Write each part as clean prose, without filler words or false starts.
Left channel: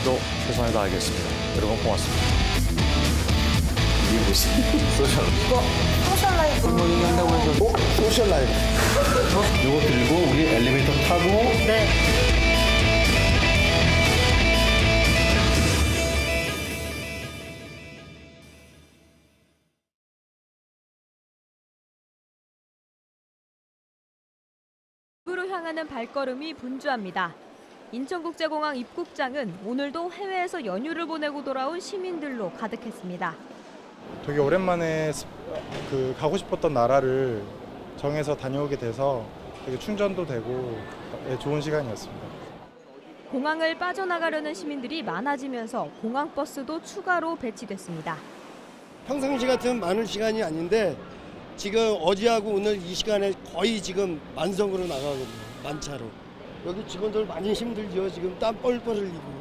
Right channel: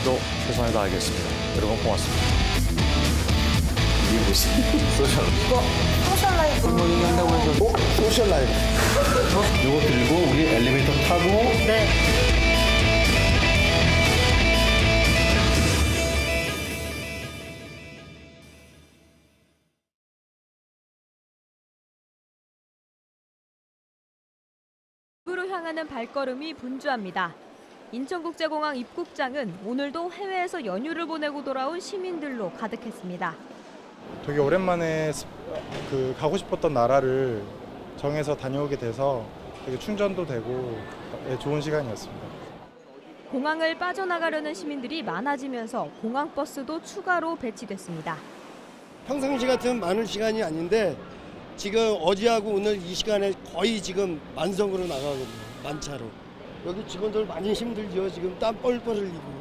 내일도 최선을 다하겠습니다. 여러분 고맙습니다. 이게 무슨 소셜? 이거 소셜 라이프. 한다고 해서 소셜 라이프. 이거 들고 우리 엘리베이터 타고 네. 입구로 향하는 발걸음이 분주합니다. 인천국제공항 입국장은 오늘도 해외에서 연휴를 보내고 돌아온 시민들로 가득했습니다. 되게 오랜만에 가고 싶었던 나라를 정해서 다녀오게 돼서 되게 충전도 되고 좋은 시간이었습니다. 공항을 빠져나가려는 시민들이 많아지면서 공항버스도 추가로 배치됐습니다. 평상시 같으면 많은 시간이 아닌데 지금 어제하고 오늘 이 시간에 거의 지금 만성으로 나가거든요. 만차로. 여기 직원들 많이 힘들죠. 지금 땀 뻘뻘 흘리고.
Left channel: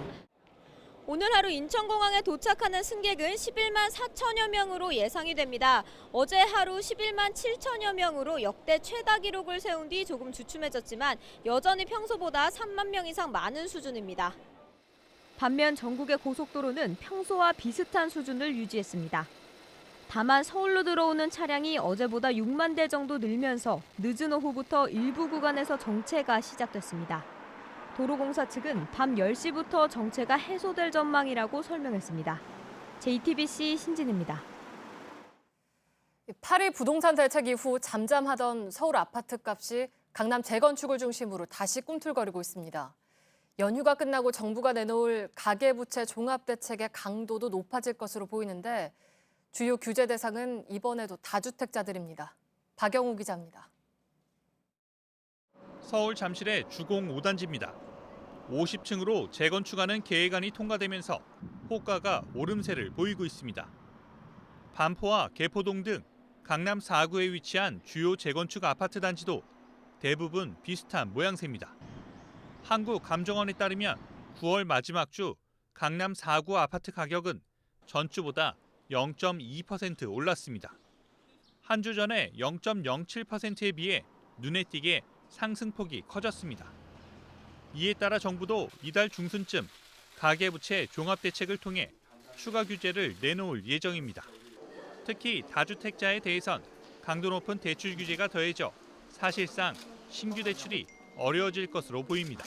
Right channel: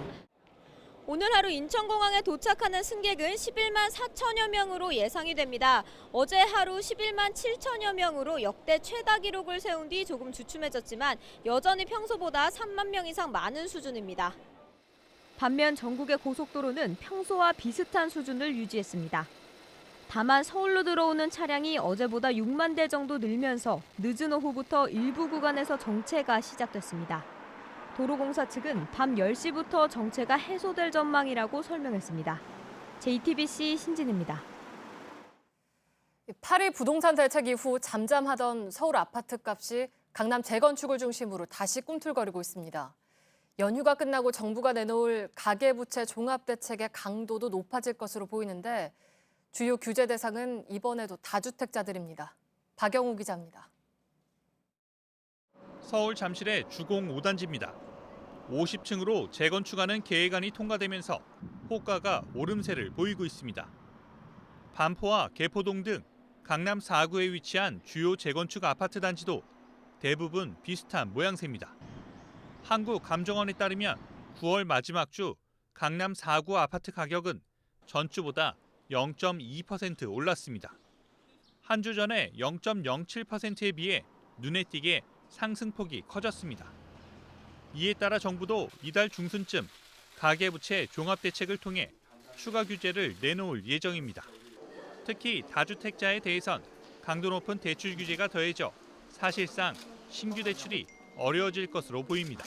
오늘 하루 인천공항에 도착하는 승객은 11만 4천여 명으로 예상이 됩니다. 어제 하루 11만 7천여 명으로 역대 최다 기록을 세운 뒤 조금 주춤해졌지만 여전히 평소보다 3만 명 이상 많은 수준입니다. 반면 전국의 고속도로는 평소와 비슷한 수준을 유지했습니다. 다만 서울로 들어오는 차량이 어제보다 6만 대 정도 늘면서 늦은 오후부터 일부 구간에서 정체가 시작됐습니다. 도로공사 측은 밤 10시부터 정체가 해소될 전망이라고 설명했습니다. JTBC 신진입니다. 8일 부동산 대책 이후 잠잠하던 서울 아파트 값이 강남 재건축을 중심으로 다시 꿈틀거리고 있습니다. 연휴가 끝나고 정부가 내놓을 가계부채 종합대책의 강도도 높아질 것으로 보이는데 주요 규제 대상은 이번에도 다주택자들입니다. 박영우 기자입니다. 서울 잠실의 주공 5단지입니다. 50층으로 재건축하는 계획안이 통과되면서 호가가 오름세를 보이고 있습니다. 반포와 개포동 등 강남 4구에 위치한 주요 재건축 아파트 단지도 대부분 비슷한 모양새입니다. 한국감정원에 따르면 9월 마지막 주 강남 4구 아파트 가격은 전주보다 0.2% 올랐습니다. 한 주 전에 0.07%에 비해 눈에 띄게 상승폭이 커졌습니다. 이에 따라 정부도 이달 중순쯤 가계부채 종합대책을 통해 추가 규제를 내놓을 예정입니다. 특히 다주택자에 대해선 강도 높은 대출 규제가 더해져 사실상 신규 대출이 어려워질 것으로 보입니다.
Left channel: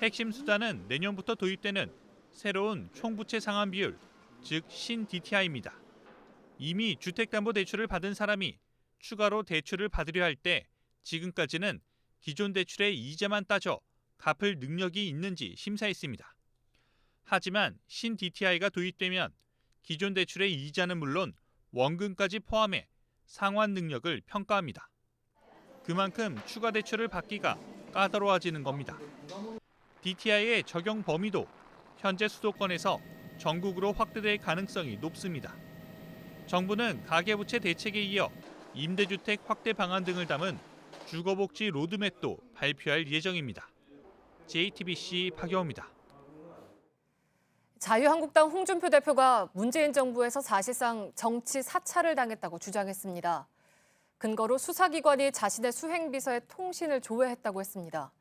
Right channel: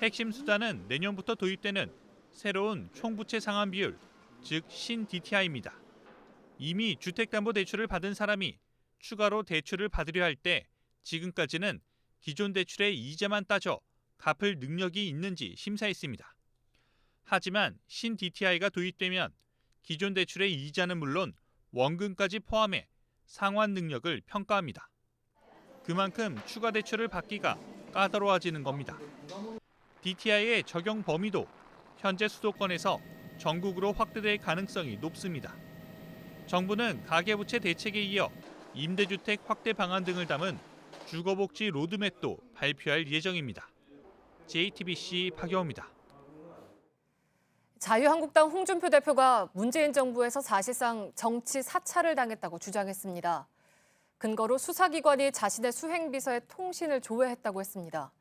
핵심 수단은 내년부터 도입되는 새로운 총부채 상환 비율, 즉 신-DTI입니다. 이미 주택담보대출을 받은 사람이 추가로 대출을 받으려 할 때 지금까지는 기존 대출의 이자만 따져 갚을 능력이 있는지 심사했습니다. 하지만 신-DTI가 도입되면 기존 대출의 이자는 물론 원금까지 포함해 상환 능력을 평가합니다. 그만큼 추가 대출을 받기가 까다로워지는 겁니다. DTI의 적용 범위도 현재 수도권에서 전국으로 확대될 가능성이 높습니다. 정부는 가계부채 대책에 이어 임대주택 확대 방안 등을 담은 주거복지 로드맵도 발표할 예정입니다. JTBC 박영우입니다. 자유한국당 홍준표 대표가 문재인 정부에서 사실상 정치 사찰을 당했다고 주장했습니다. 근거로 수사기관이 자신의 수행비서의 통신을 조회했다고 했습니다.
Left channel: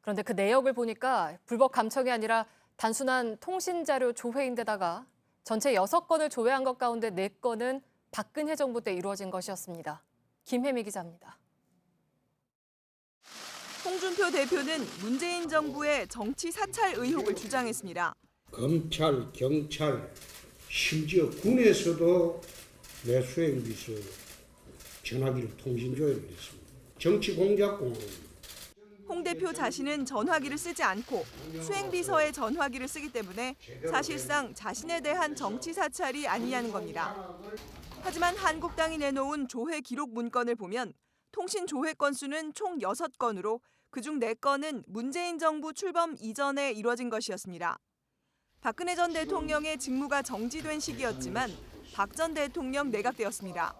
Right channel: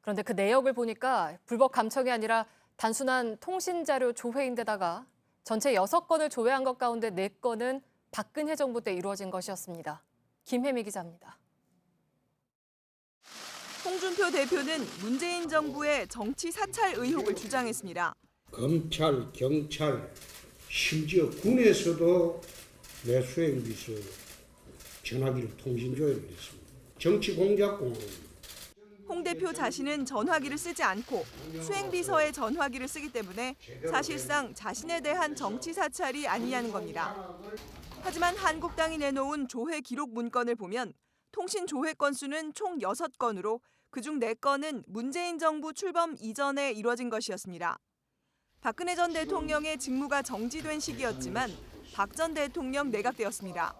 그런데 그 내역을 보니까 불법 감청이 아니라 단순한 통신자료 조회인데다가 전체 6건을 조회한 것 가운데 4건은 박근혜 정부 때 이루어진 것이었습니다. 김혜미 기자입니다. 홍준표 대표는 문재인 정부의 정치 사찰 의혹을 주장했습니다. 검찰, 경찰, 심지어 군에서도 내 수행비서 전화기를 통신 조회를 했습니다. 정치 공작 공화입니다. 홍 대표 자신은 전화기를 쓰지 않고 수행비서의 전화기를 쓰기 때문에 사실상 자신에 대한 정치 사찰이 아니냐는 겁니다. 하지만 한국당이 내놓은 조회 기록 문건을 보면 통신 조회 건수는 총 6건으로 그중 4건은 문재인 정부 출범 이전에 이뤄진 것이었습니다. 박근혜 전 대통령의 직무가 정지된 시기였지만 박 전 대통령 내각되었습니다.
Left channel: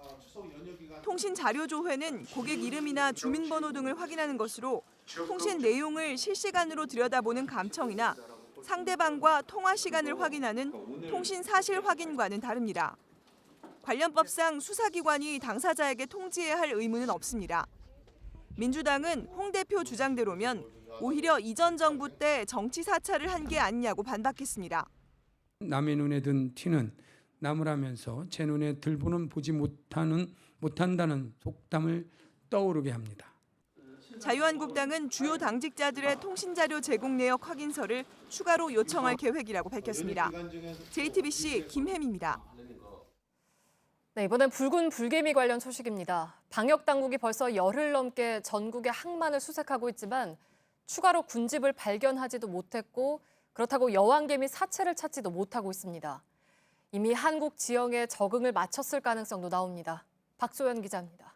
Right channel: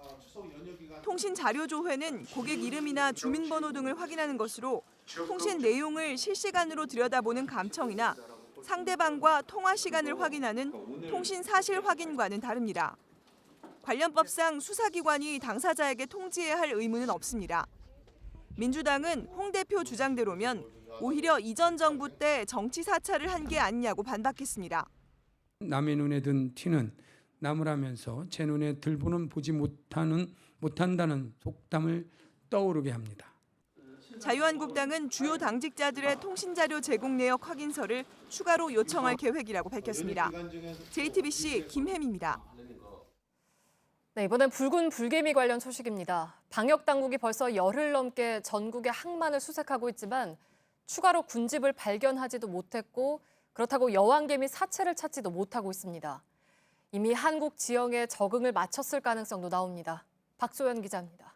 통신 자료 조회는 고객 이름이나 주민번호 등을 확인하는 것으로 통신 내용을 실시간으로 들여다보는 감청이나 상대방과 통화 시간을 확인하는 통신 사실 확인과는 다릅니다. 관련 법상 수사기관이 당사자에게 통지해야 할 의무는 없습니다. 민주당은 홍 대표 주장대로면 오히려 이전 정부 때 정치 사찰을 한 게 아니냐고 반박했습니다. 남의 눈에 든 티는 나무라면서 제 눈에 들보는 보지 못한다는 속담을 떠오르게 합니다. 자유한국당은 주요 당직자들의 통신자료 제공 내역 확인서를 추가로 요청할 계획이라고 밝혔습니다. JTBC 김혜미입니다. 네, 이번엔 붉은 불개미 관련 소식입니다. 방역 당국이 벌써 열흘 넘게 전국의 항만을 수색하고 있지만 추가로 군집을 발견하지도 못했고 그렇다고 여왕개미 사체를 찾지도 못하고 있습니다. 이미 한국 지형에 적응을 마쳤을 가능성도 나옵니다. 박소연 기자입니다.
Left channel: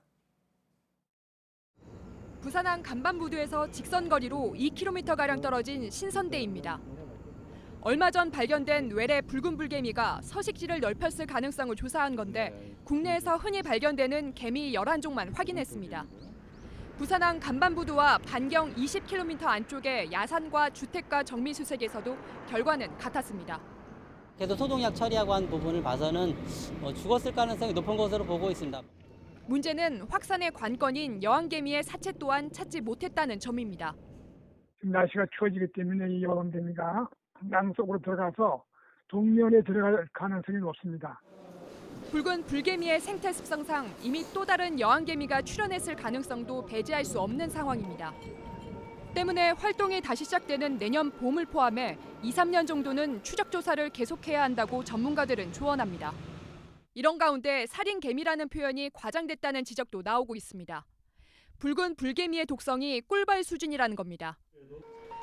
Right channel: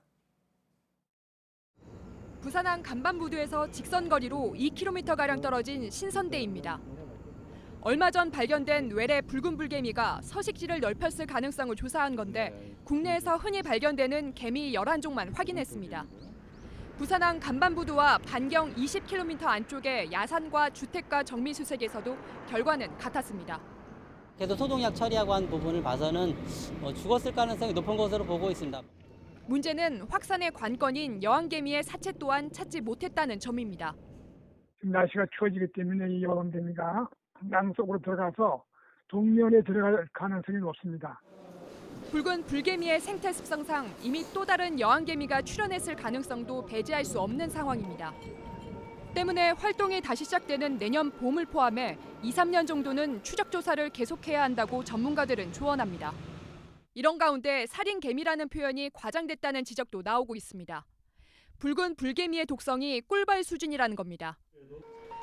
부산항 간반부두에서 직선거리로 2km가량 떨어진 신선대입니다. 얼마 전 발견된 외래 붉은 불개미가 서식지를 넓혔을 가능성을 조사한 건데 국내에서 흔히 발견되는 개미 11종만 확인했습니다. 부산항 간반부두와 반경 20km 안쪽의 야산과 주택가 정미수색에서도 결과는 같았습니다. 그래도 소독약 처리하고 한 부분을 봐서는 죽었을 가능성이 높은 것으로 보고 있습니다. 문제는 확산의 관건인 여왕개미의 사체 또한 찾지 못했다는 점입니다. 지금 날씨가 추워지기 때문에 이 여왕개미가 양 속으로 들어가서 동면에 들어갈 가능성이 높습니다. 붉은 불개미의 생태 습성상 이미 또 다른 여왕개미가 출현했을 가능성도 배제할 수 없는 상황입니다. 때문에 활동이 다시 시작되는 내년 봄을 포함해 2-3년 정도는 추적 조사를 계속해야 한다고 전문가들은 조언합니다. 이런 가운데 살인개미라는 표현이 과장됐다는 지적도 나오고 있습니다. 붉은 불개미의 독성이 꿀벌 수준이라는 겁니다.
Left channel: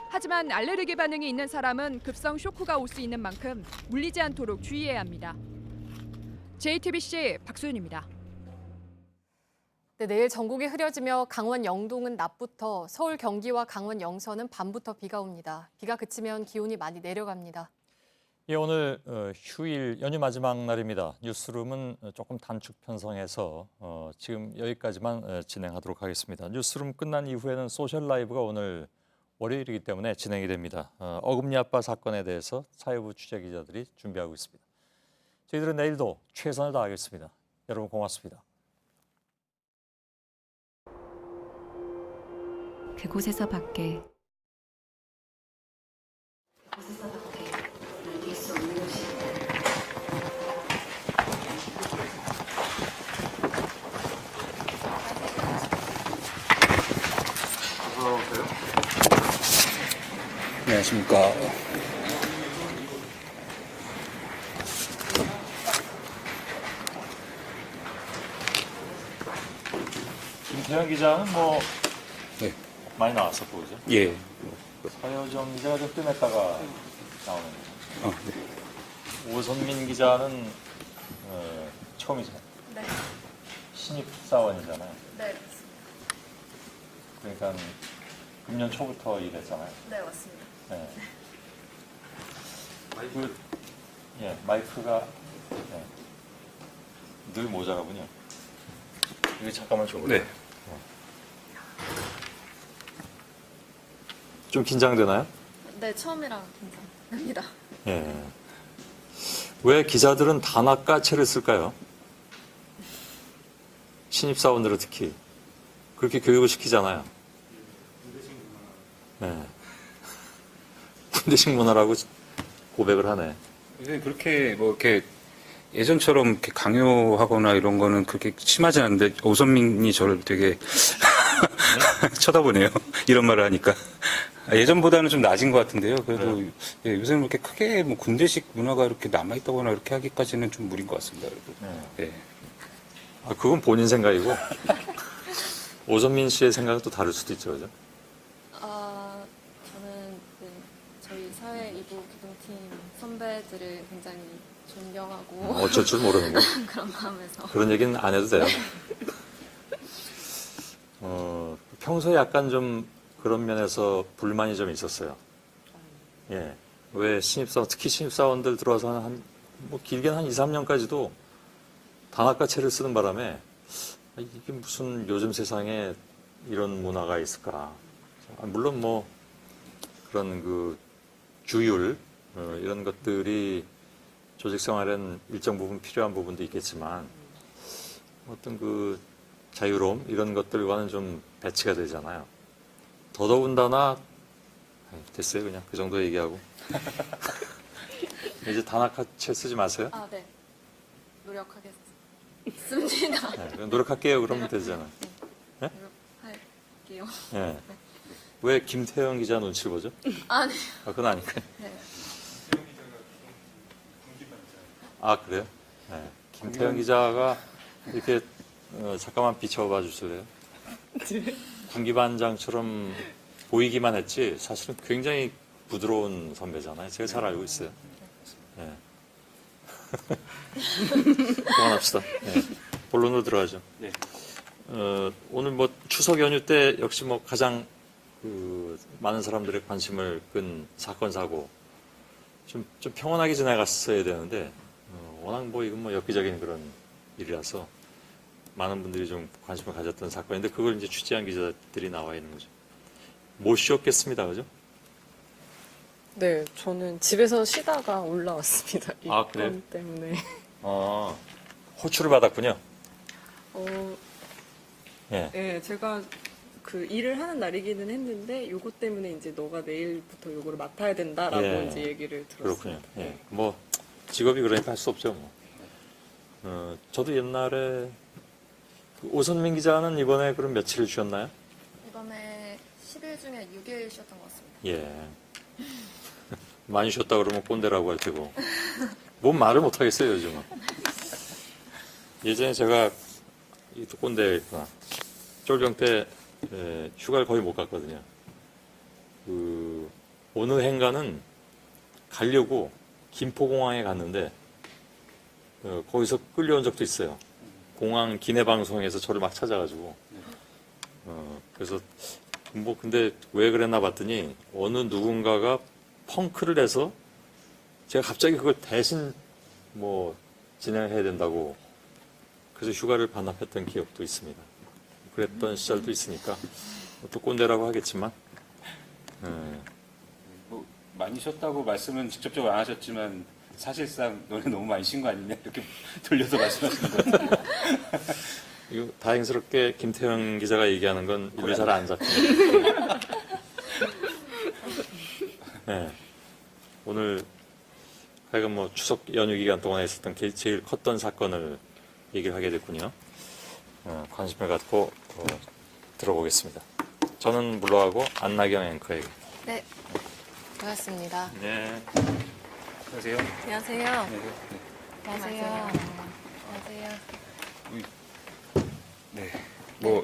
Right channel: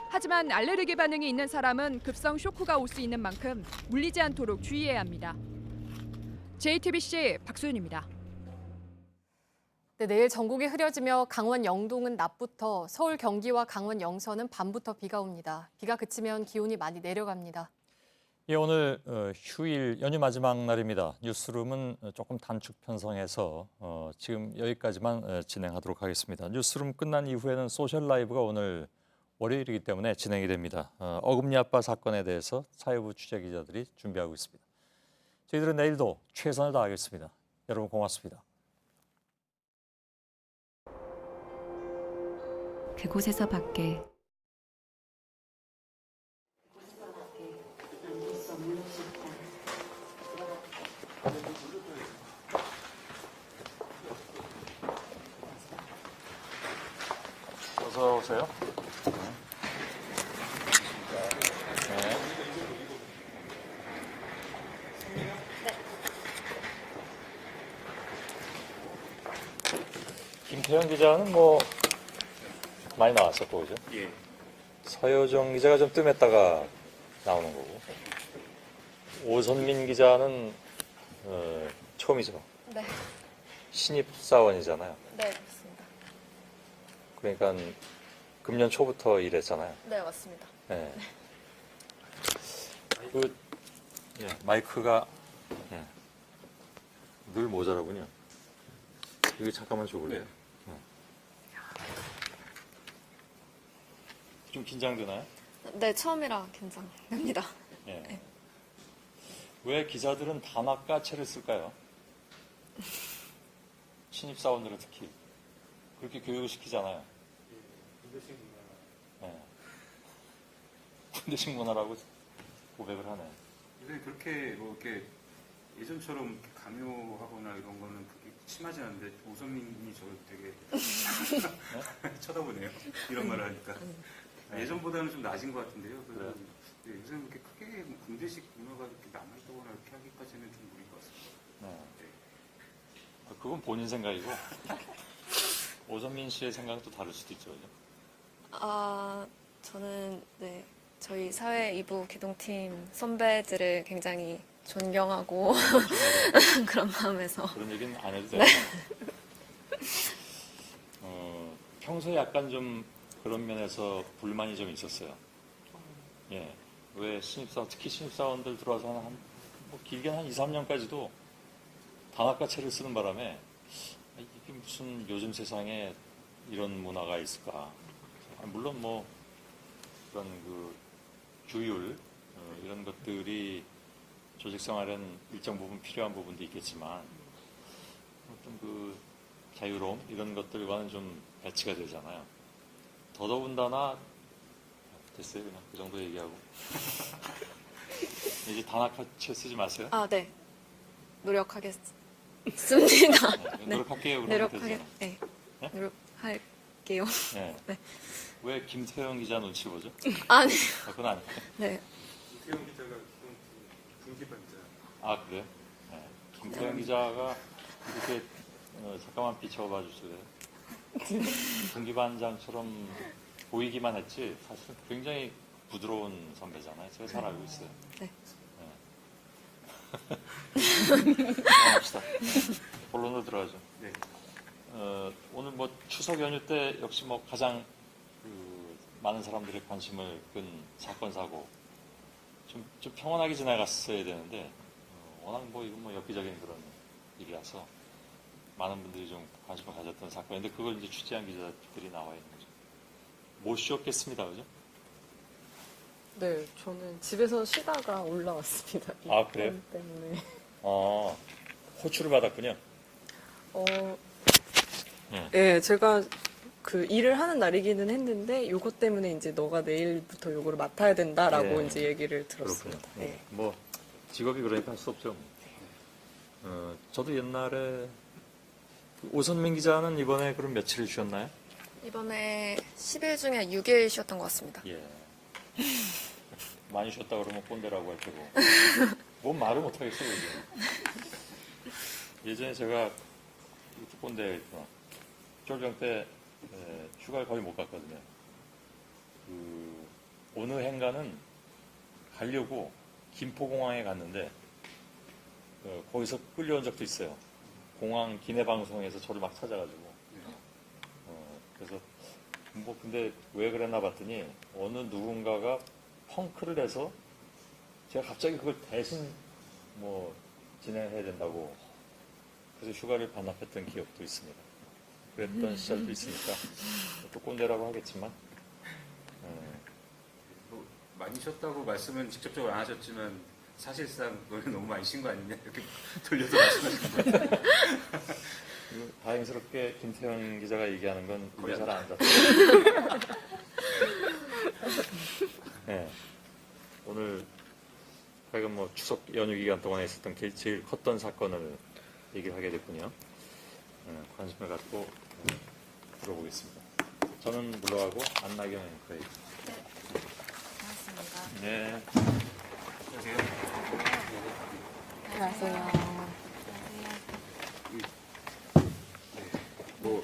하지만 알레르기 반응이 있는 사람은 급성 쇼크가 올 수 있는 만큼 물리지 않도록 주의해야 합니다. JTBC 박소연입니다. 네, 내일 전국이 흐려지며 강원 영동은 낮부터, 서울 경기와 강원 영서는 밤부터 비가 옵니다. 비가 그치면 기온이 많이 내려갑니다. 예, 오늘 휴일 연휴 마지막 날입니다. 뉴스룸은 조금 단축 편성해서 지금 여기까지만 진행하도록 하겠습니다. 뉴스룸 끝난 이후에는 소셜 라이브가 오늘 월요일이기 때문에 진행이 됩니다. 어금니 아빠 사건에 대해서 사회부 취재기자들이 준비하고 있습니다. 저희들은 내일도 최선을 다하겠습니다. 여러분 고맙습니다. 그곳에서 밖에 어서 오세요. 안녕하십니까. 김태형 기자는 뭐 네. 많이 나왔었고 그죠? 예. 서여정 기자가 좀 뜸했다가 나오는 거고. 네. 오선민 기자는 처음이지만 네. 신입 사원이잖아요. 네, 그러니까 금년 초부터 일했잖아요. 네 맞습니다. 네. 마이크가 늘 모자라군요. 이거 잠깐만 줘볼래요? 네. 좀 긴장되나요? 네, 처음이라 긴장됩니다. 예. 왜 기자들은 단아까체를 쓸까요? 신입사원들은 특히 그렇게 교육을 시키잖아요. 네. 군대식 문화라고 고백을 하네. 그렇게 뭐 이렇게 예전처럼 이렇게 강요하거나 이런 거는 그렇게 심하지 않은데 오선민이 저를 되게 쳐다보네요. 이런 말을 하니까. 예전보다는 좀 낮은 것 같은데요. 그래도 네. 예, 요새는 그렇게 크게 뭐 군대식 문화가 이렇게 남아있다거나 이렇게 하기까지는 좀 무리인 것 같습니다. 그래도. 네. 예. 아, 그건 본인 생각이고 오선민 씨의 생각은 또 다를 수도 있죠, 그죠? 저는 저희 사회 2부 기동팀 선배들을 굉장히 존경하고 어쩔 줄 모르는 거. 그런 마음에서 그런 얘기는 안 해도 돼요. 평소에 약간 좀 그런 면에서 불만이 좀 있었어요. 예. 왜 신입사원, 특히 신입사원들 들어와서 뭐 길게는 한 2, 3년까지도 단아까체를 쓰는 바람에 이게 무슨 요즘 세상에 이런 문화가 있을까. 물론 뭐 그런 그 규율 이런 것들이 조직 생활엔 일정 부분 필요한 부분도 있겠지만 어떤 그 자유로움 이런 것들과는 좀 배치가 되잖아요. 더더군다나 됐어요. 그냥 그 정도 얘기하고 이제 단아카체 쓰지 마세요. 아, 네. 노력하겠습니다. 네, 노력할게요. 그러면 노력할- 되잖아요. 네. 네? 노력할게요. 네. 네. 왜 김태형 기자 눈치를 보죠? 아니. 아, 그건 아니고. 네. 아, 그래요? 네. 김태형 기자가 이렇게 잠깐만 비춰봐 주실래요? 분기반장처럼 보이기만 했지 사실은 굉장히 부드러운 선배잖아요. 제가 잘 알고 있어요. 네. 그만합시다. 네. 본론으로 들어가죠. 오늘 뭐 추석 연휴 때 역시 뭐 가장 많은 사람들의 관심을 끈 사건 사고 좀 평온하게 지나갔어야 되는데 워낙 뭐 이건 뭐 엽기적인 그런 일이라서 많은 분들이 좀 관심을 가졌던 사건인데 그걸 이제 취재한 기자들이 나와 있는 거죠. 못 쉬었겠습니다, 그죠? 네, 저는 집에서 쉬다가 올라왔습니다. 이 아, 그래요? 건 때문에. 아, 호출을 받았군요. 예. 네, 제가 그 일을 하는 날이기는 했는데 요것 때문에 이제 너가 내일부터 요거를 맡아야 된다라고 예. 이제 얘기를 들었어요. 그렇군요. 예. 뭐 직업이 그러니까 할 수 없죠. 뭐. 저도 옛날에 그 오선민 기자는 이번에 그럼 며칠을 쉬었나요? 이번에 10일 중에 6일 쉬었던 것 같습니다. 예. 많이 쉬었다 그러면 꼰대라고 할 테고. 뭔 말을 못 하겠어요, 요즘은. 예전에 제가 이또 꼰대였구나. 쫄병 때 휴가를 거의 못 갔거든요. 어느 행가는 가려고 김포공항에 갔는데 거기서 끌려온 적도 있어요. 공항 기내 방송에서 저를 막 찾아가지고 그래서 뭐 근데 왜 그랬나 봤더니 어느 누군가가 펑크를 해서 제가 갑자기 그걸 대신 뭐 진행해야 된다고 그래서 휴가를 반납했던 기억도 있습니다. 그랬던 시절도 있으니까 또 꼰대라고 하겠지만 뭐 많이 쉬었다고 말씀은 직접적으로 안 하셨지만 사실상 너네 너무 많이 쉰 거 아니냐 이렇게 돌려서 말씀하신 거예요. 이거 다행스럽게 김태형 기자가 얘기하는 건 일로 잘 안 잡혀요. 네. 오늘 하여간 뭐 추석 연휴 기간 동안에 있었던 제일 컸던 사건을 얘기를 하게 됐군요. 관심을 갖고 들어보겠습니다. 저는 물러가고 안나경 앵커에게. 네. 반갑습니다. 네. 안녕하세요. 안녕하세요. 안녕하세요. 안녕하세요. 네. 뭐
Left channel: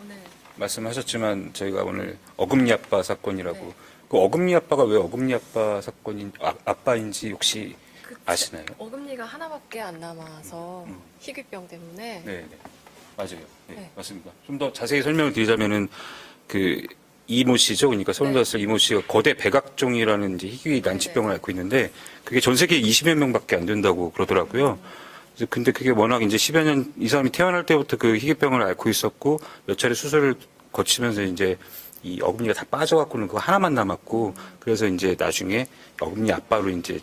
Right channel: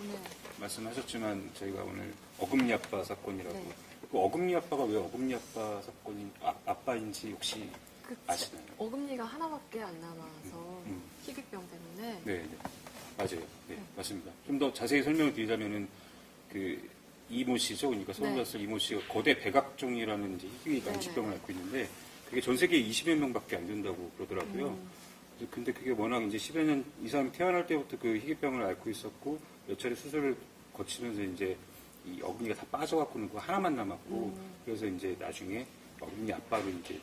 오늘 말씀하셨지만 저희가 오늘 어금니 아빠 사건이라고 네. 그 어금니 아빠가 왜 어금니 아빠 사건인 아빠인지 혹시 아시나요? 어금니가 하나밖에 안 남아서 희귀병 때문에 네, 네. 맞아요. 네, 네. 맞습니다. 좀 더 자세히 설명을 드리자면은 그 이모 씨죠. 그러니까 35살 이모 씨가 거대 백악종이라는 이제 희귀 난치병을 앓고 있는데 그게 전 세계에 20여 명밖에 안 된다고 그러더라고요. 그래서 근데 그게 워낙 이제 10여 년 이 사람이 태어날 때부터 그 희귀병을 앓고 있었고 몇 차례 수술을 거치면서 이제 이 어금니가 다 빠져갖고는 그거 하나만 남았고 그래서 이제 나중에 어금니 아빠로 이제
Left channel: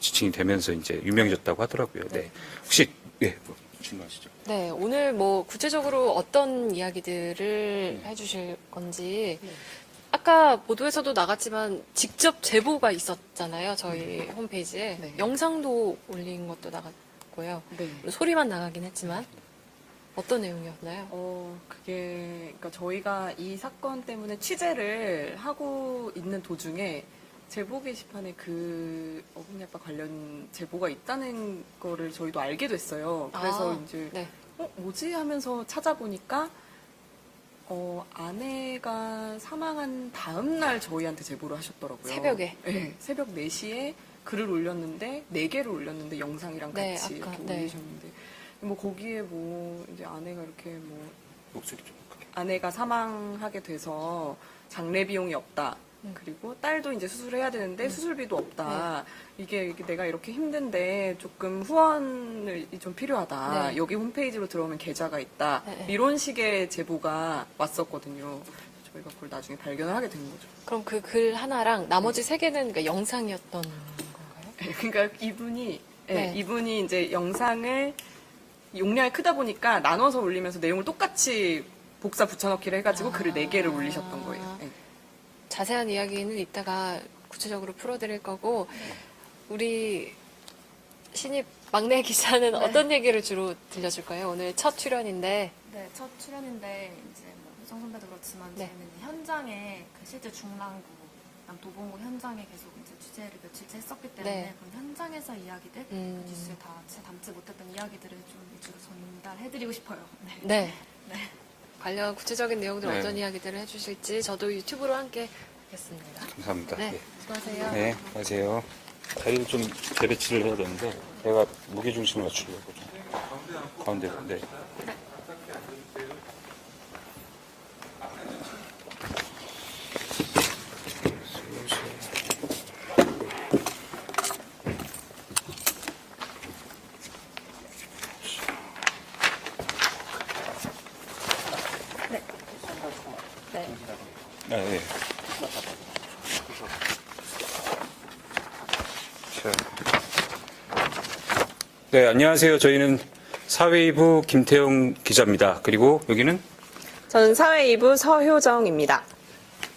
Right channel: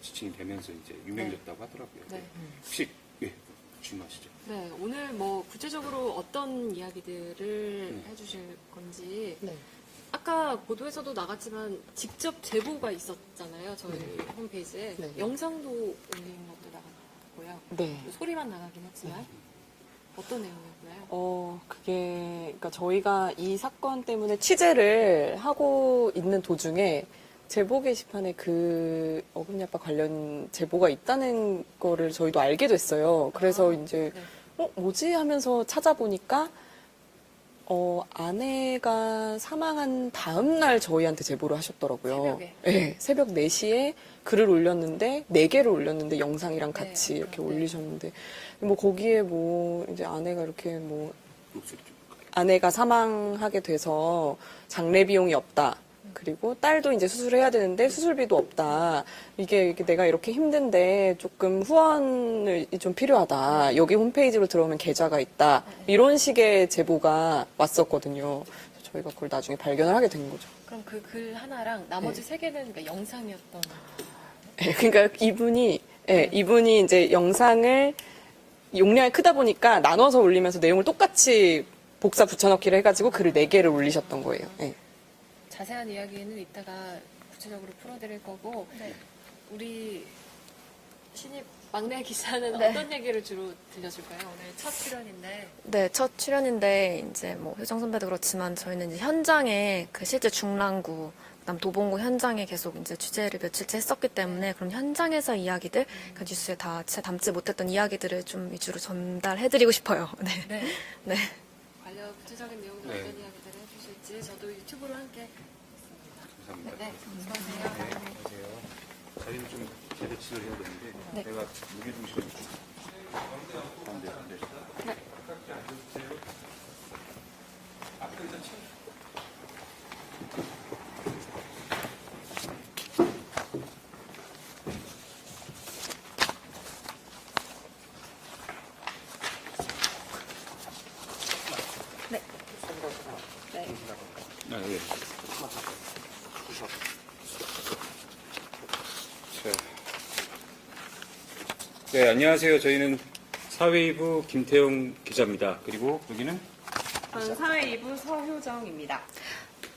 지칭이 되면서 이제 유명해졌다고 하더라고요. 네. 혹시 뭐 질문하시죠? 네, 오늘 뭐 구체적으로 어떤 이야기들을 해주실 건지 아까 보도에서도 나갔지만 직접 제보가 있었잖아요. 저희 홈페이지에 네. 영상도 올린 것도 나갔고요. 네. 소리만 나가긴 했지만 어떤 내용이었나요? 그게 그러니까 저희가 이 사건 때문에 취재를 하고 있는 도중에 제보 게시판에 그 어금니 아빠 관련 제보가 있다는 거를 저희도 알게 됐어요. 그래서 이제 네. 뭐지 하면서 찾아보니까 아내가 사망한 다음 날 저희한테 제보를 하셨더라고요. 새벽에? 네, 새벽 4시에 글을 올렸는데 4개를 올렸는데 영상이랑 네, 같이 아까, 이렇게 네. 올리셨는데 뭐 거기에 뭐 이제 아내가 이렇게 뭐 목소리 좀. 아내가 사망하게 돼서 장례 비용이 없다. 그리고 딸도 이제 수술해야 되는데 수술비도 없다. 이게 내가 이렇게 힘든데 조금 후원을 좀 필요하다. 네. 여기 홈페이지로 들어오면 계좌가 있다. 네. 이런 식의 제보가 왔었거든요. 저희가 그걸 나중에 발견을 하게 된 거죠. 그럼 그 글 하나랑 나머지 3개는 그러니까 영상이었던 네, 그러니까 이분이 네. 이분이 이제 영상을 용량이 크다 보니까 나눠서 올리면서 내용을 똑같이 복사 붙여넣기를 해가지고 글을 4개를 올리셨던 거예요. 네. 자세한 이야기는 이따가 구체적으로 풀어드릴 거고 우리 신입 막내 기자는 어떤 얘기를 주로 들려줄까요? 오늘 첫 출연인데. 네, 첫 출연인데 이제 뭐 효정 선배도 그렇지만 저희는 이제 현장에 그 실제 중랑구 그다음 도봉구 현장에 계속 이제 취재를 며칠째 했었기 때문에 그럼 현장에서 이야기들 그 뉴스에 다 진짜 담지 못했던 이야기들을 좀 위주로 전달해드리고 싶어요. 네. 네. 관련 구체적인 내용들 어떤 이야기들을 해주실지 저도 유튜브로 함께 보겠습니다. 감사합니다. 네, 수고하세요. 네, 안녕하세요. 다리를 좀 재배치를 해야 되는데 내가 무게중심을 맞추려고 좀 가운데. 네. 네. 네, 안녕하세요. 저희는 사회이부 김태영 기자입니다. 그리고 여기는 저는 사회이부 서효정입니다.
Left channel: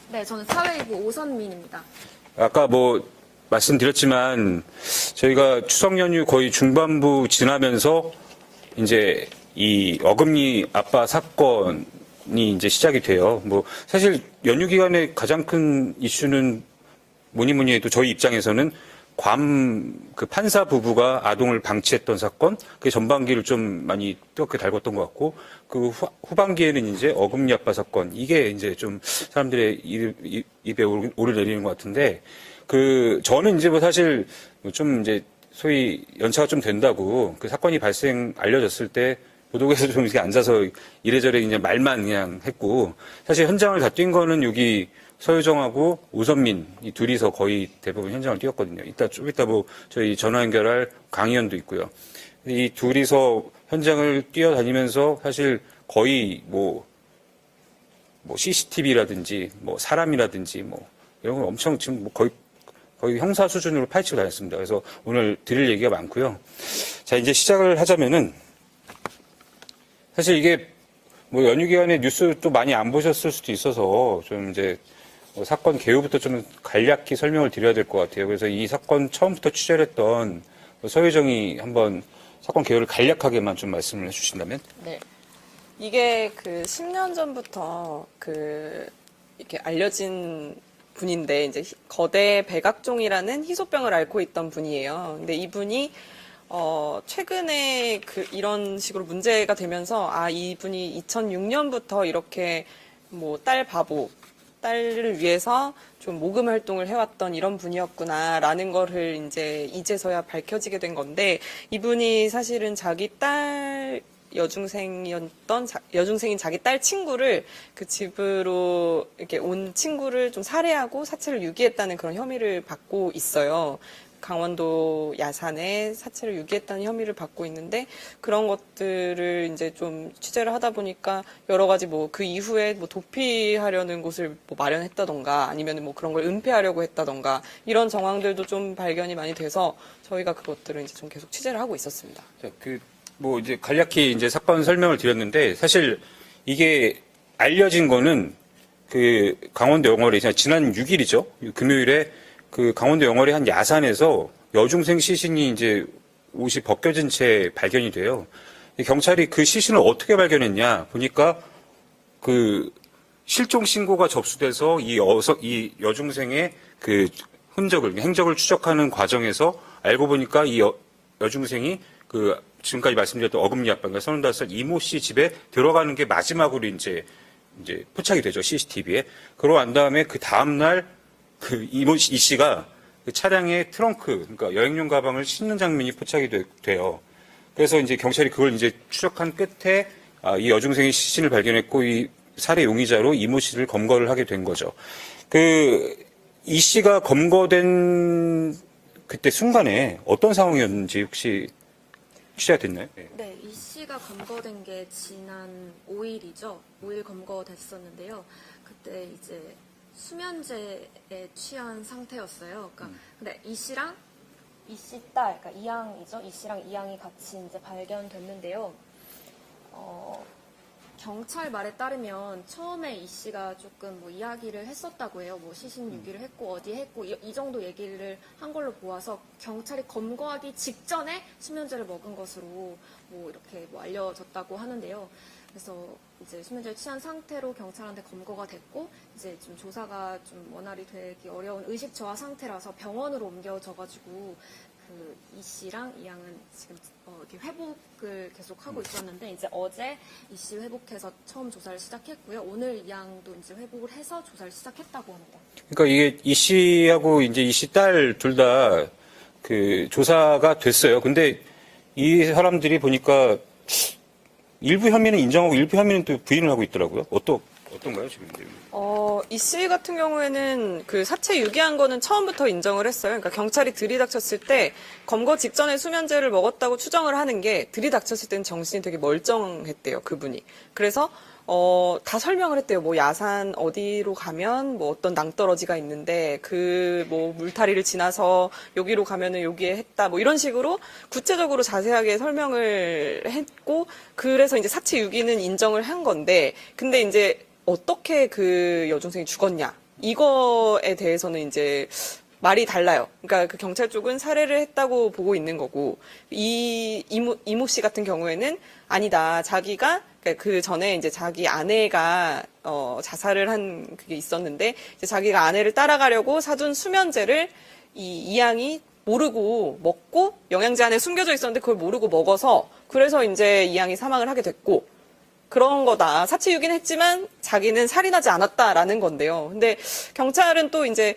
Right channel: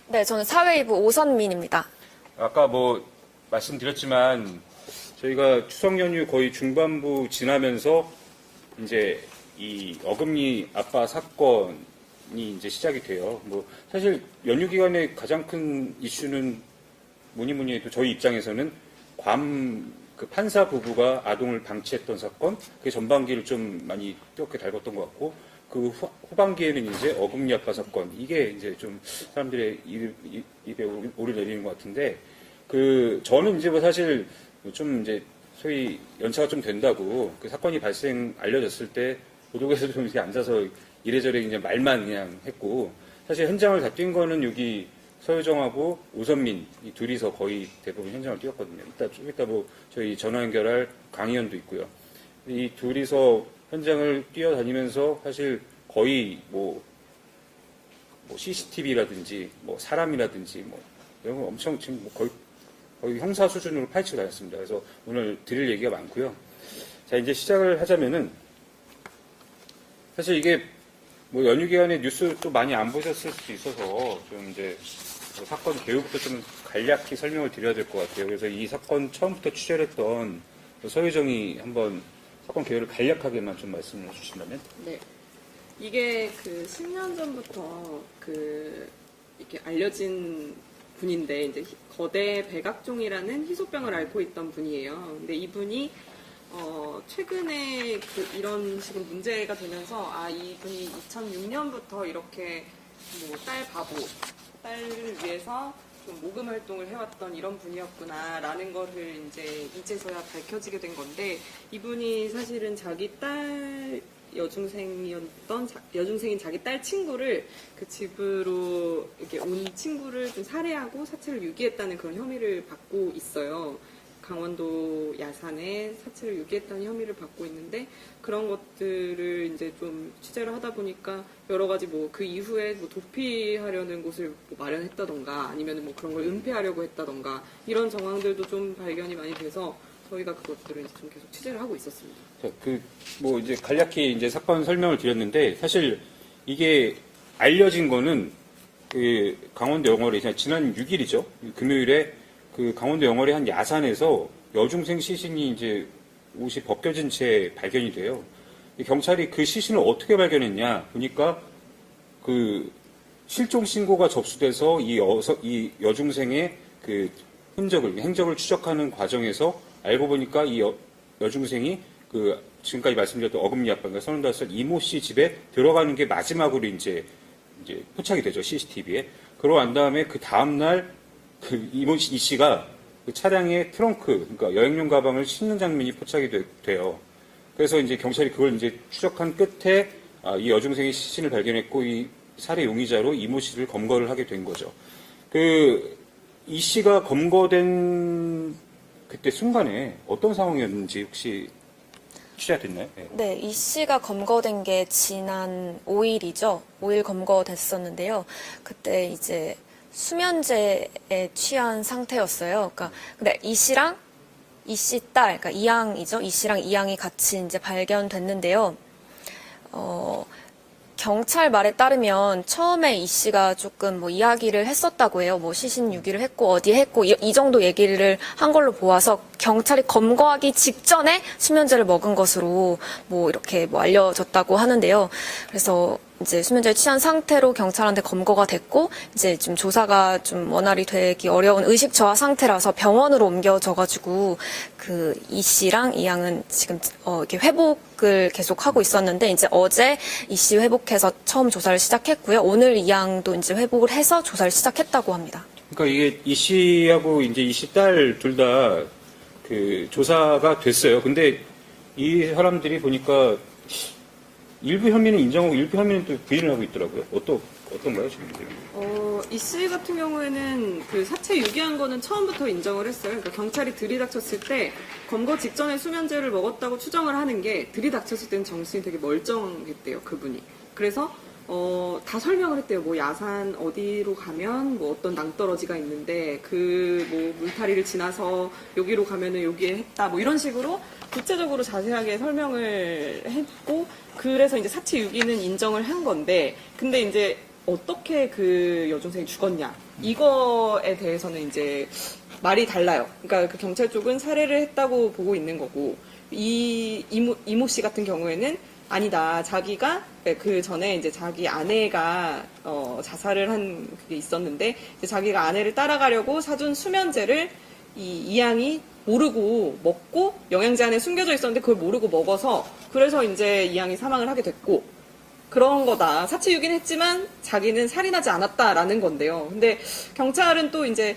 네, 저는 사회이부 오선민입니다. 아까 뭐 말씀드렸지만 저희가 추석 연휴 거의 중반부 지나면서 이제 이 어금니 아빠 사건이 이제 시작이 돼요. 뭐 사실 연휴 기간에 가장 큰 이슈는 뭐니 해도 저희 입장에서는 그 판사 부부가 아동을 방치했던 사건, 그게 전반기를 좀 많이 뜨겁게 달궜던 것 같고, 그 후반기에는 이제 어금니 아빠 사건, 이게 이제 좀 사람들의 입에 오르내리는 것 같은데, 저는 이제 뭐 사실 좀 이제 소위 연차가 좀 된다고 그 사건이 알려졌을 때 보도국에서 좀 이렇게 앉아서 이래저래 그냥 말만 그냥 했고, 사실 현장을 다 뛴 거는 여기 서효정하고 오선민 이 둘이서 거의 대부분 현장을 뛰었거든요. 좀 이따 뭐 저희 전화 연결할 강의원도 있고요. 근데 이 둘이서 현장을 뛰어다니면서 사실 거의 뭐 CCTV라든지 뭐 사람이라든지 뭐 이런 걸 엄청 지금 뭐 거의 형사 수준으로 파헤치고 다녔습니다. 그래서 오늘 드릴 얘기가 많고요. 자, 이제 시작을 하자면은 사실 이게 뭐 연휴 기간에 뉴스 또 많이 안 보셨을 수도 있어서 좀 이제 사건 개요부터 좀 간략히 설명을 드려야 될 것 같아요. 그래서 이 사건 처음부터 취재를 했던 서효정이 한번 사건 개요를 간략하게만 좀 말씀을 해주신다면? 네. 이게 10년 전부터 이렇게 알려진 분인데, 이제 거대 백악종이라는 희소병을 앓고 있던 분이에요. 근데 이분이 최근에 이런 식으로 문제가 되면서 이분이 2006년부터 이렇게 뭐 딸을 위해서 좀 모금 활동을 해왔던 이런 분이었구나라는 거를 이제서야 밝혀지게 된 건데, 이분이 사실은 자기 딸 여중생인 자기 딸 친구를 그 집으로 이렇게 온 친구를 좀 살해하고 사체를 유기했다는 그런 혐의를 받고 있어요. 강원도 야산에 사체를 유기했다는 혐의를 받고 있는데, 그런 것들을 이제 좀 취재를 하다 보니까 여러 가지 뭐 그 이후에 뭐 도피하려는 곳을 뭐 마련했다던가 아니면 뭐 그런 걸 은폐하려고 했다던가 이런 정황들도 좀 발견이 많이 돼서 저희가 그것들을 이제 좀 계속 취재를 하고 있었습니다. 뭐 이제 간략히 이제 사건 설명을 드렸는데, 사실 이게 알려진 거는 강원도 영월에 지난 6일이죠. 금요일에 강원도 영월의 한 야산에서 여중생 시신이 이제 옷이 벗겨진 채 발견이 돼요. 경찰이 그 시신을 어떻게 발견했냐 보니까 실종 신고가 접수돼서 이 여중생의 행적을 추적하는 과정에서 알고 보니까 이 여중생이 지금까지 말씀드렸던 어금니 아빠가 35살 이모 씨 집에 들어가는 게 마지막으로 이제 포착이 되죠, CCTV에. 그러고 난 다음에 그 다음날 이 씨가 차량의 트렁크, 그러니까 여행용 가방을 싣는 장면이 포착이 돼요. 그래서 이제 경찰이 그걸 이제 추적한 끝에 이 여중생의 시신을 발견했고, 이 살해 용의자로 이모 씨를 검거를 하게 된 거죠. 이 씨가 검거된 그때 순간에 어떤 상황이었는지 혹시 취재가 됐나요? 네, 이 씨가 검거된 게 지난 5일이죠. 5일 검거됐었는데요. 그때 이제 수면제에 취한 상태였어요. 그러니까 근데 이 씨랑 이 씨 딸, 그러니까 이양이죠. 이 씨랑 이양이 같이 이제 발견됐는데요. 경찰 말에 따르면 처음에 이 씨가 조금 뭐 이야기를 했었다고 해요. 뭐 시신 유기를 했고 어디에 했고 이 정도 얘기를 한 걸로 보아서 경찰이 검거하기 직전에 수면제를 먹은 것으로 뭐 이렇게 뭐 알려졌다고 하는데요. 그래서 이제 수면제를 취한 상태로 경찰한테 검거가 됐고 이제 좀 조사가 좀 원활히 되기 어려운 의식 저하 상태라서 병원으로 옮겨져가지고 그 이 씨랑 이 양은 지금 이렇게 회복을 계속 하고 있었는데 이제 어제 이 씨 회복해서 처음 조사를 시작했고요. 오늘 이 양도 이제 회복을 해서 조사를 시작했다고 합니다. 그러니까 이게 이 씨하고 이제 이 씨 딸 둘 다 그 조사가 됐어요. 근데 이 사람들이 보니까 일부 혐의는 인정하고 일부 혐의는 또 부인을 하고 있더라고요. 어떤 거예요 지금? 이 씨 같은 경우에는 그 사체 유기한 거는 처음부터 인정을 했어요. 그러니까 경찰이 들이닥쳤을 때 검거 직전에 수면제를 먹었다고 추정을 하는 게 들이닥쳤을 때는 정신이 되게 멀쩡했대요, 그분이. 그래서 다 설명을 했대요. 뭐 야산 어디로 가면 뭐 어떤 낭떠러지가 있는데 그 뭐 물타리를 지나서 여기로 가면은 여기에 했다. 뭐 이런 식으로 구체적으로 자세하게 설명을 했고 그래서 이제 사체 유기는 인정을 한 건데 근데 이제 어떻게 그 여중생이 죽었냐 이거에 대해서는 이제 말이 달라요. 그러니까 그 경찰 쪽은 살해를 했다고 보고 있는 거고 이모 씨 같은 경우에는 아니다. 자기가 그 전에 이제 자기 아내가 자살을 한 그게 있었는데 이제 자기가 아내를 따라가려고 사준 수면제를 이 양이 모르고 먹고 영양제 안에 숨겨져 있었는데 그걸 모르고 먹어서 그래서 이제 이 양이 사망을 하게 됐고 그런 거다. 사체 유기는 했지만 자기는 살인하지 않았다라는 건데요. 근데 경찰은 또 이제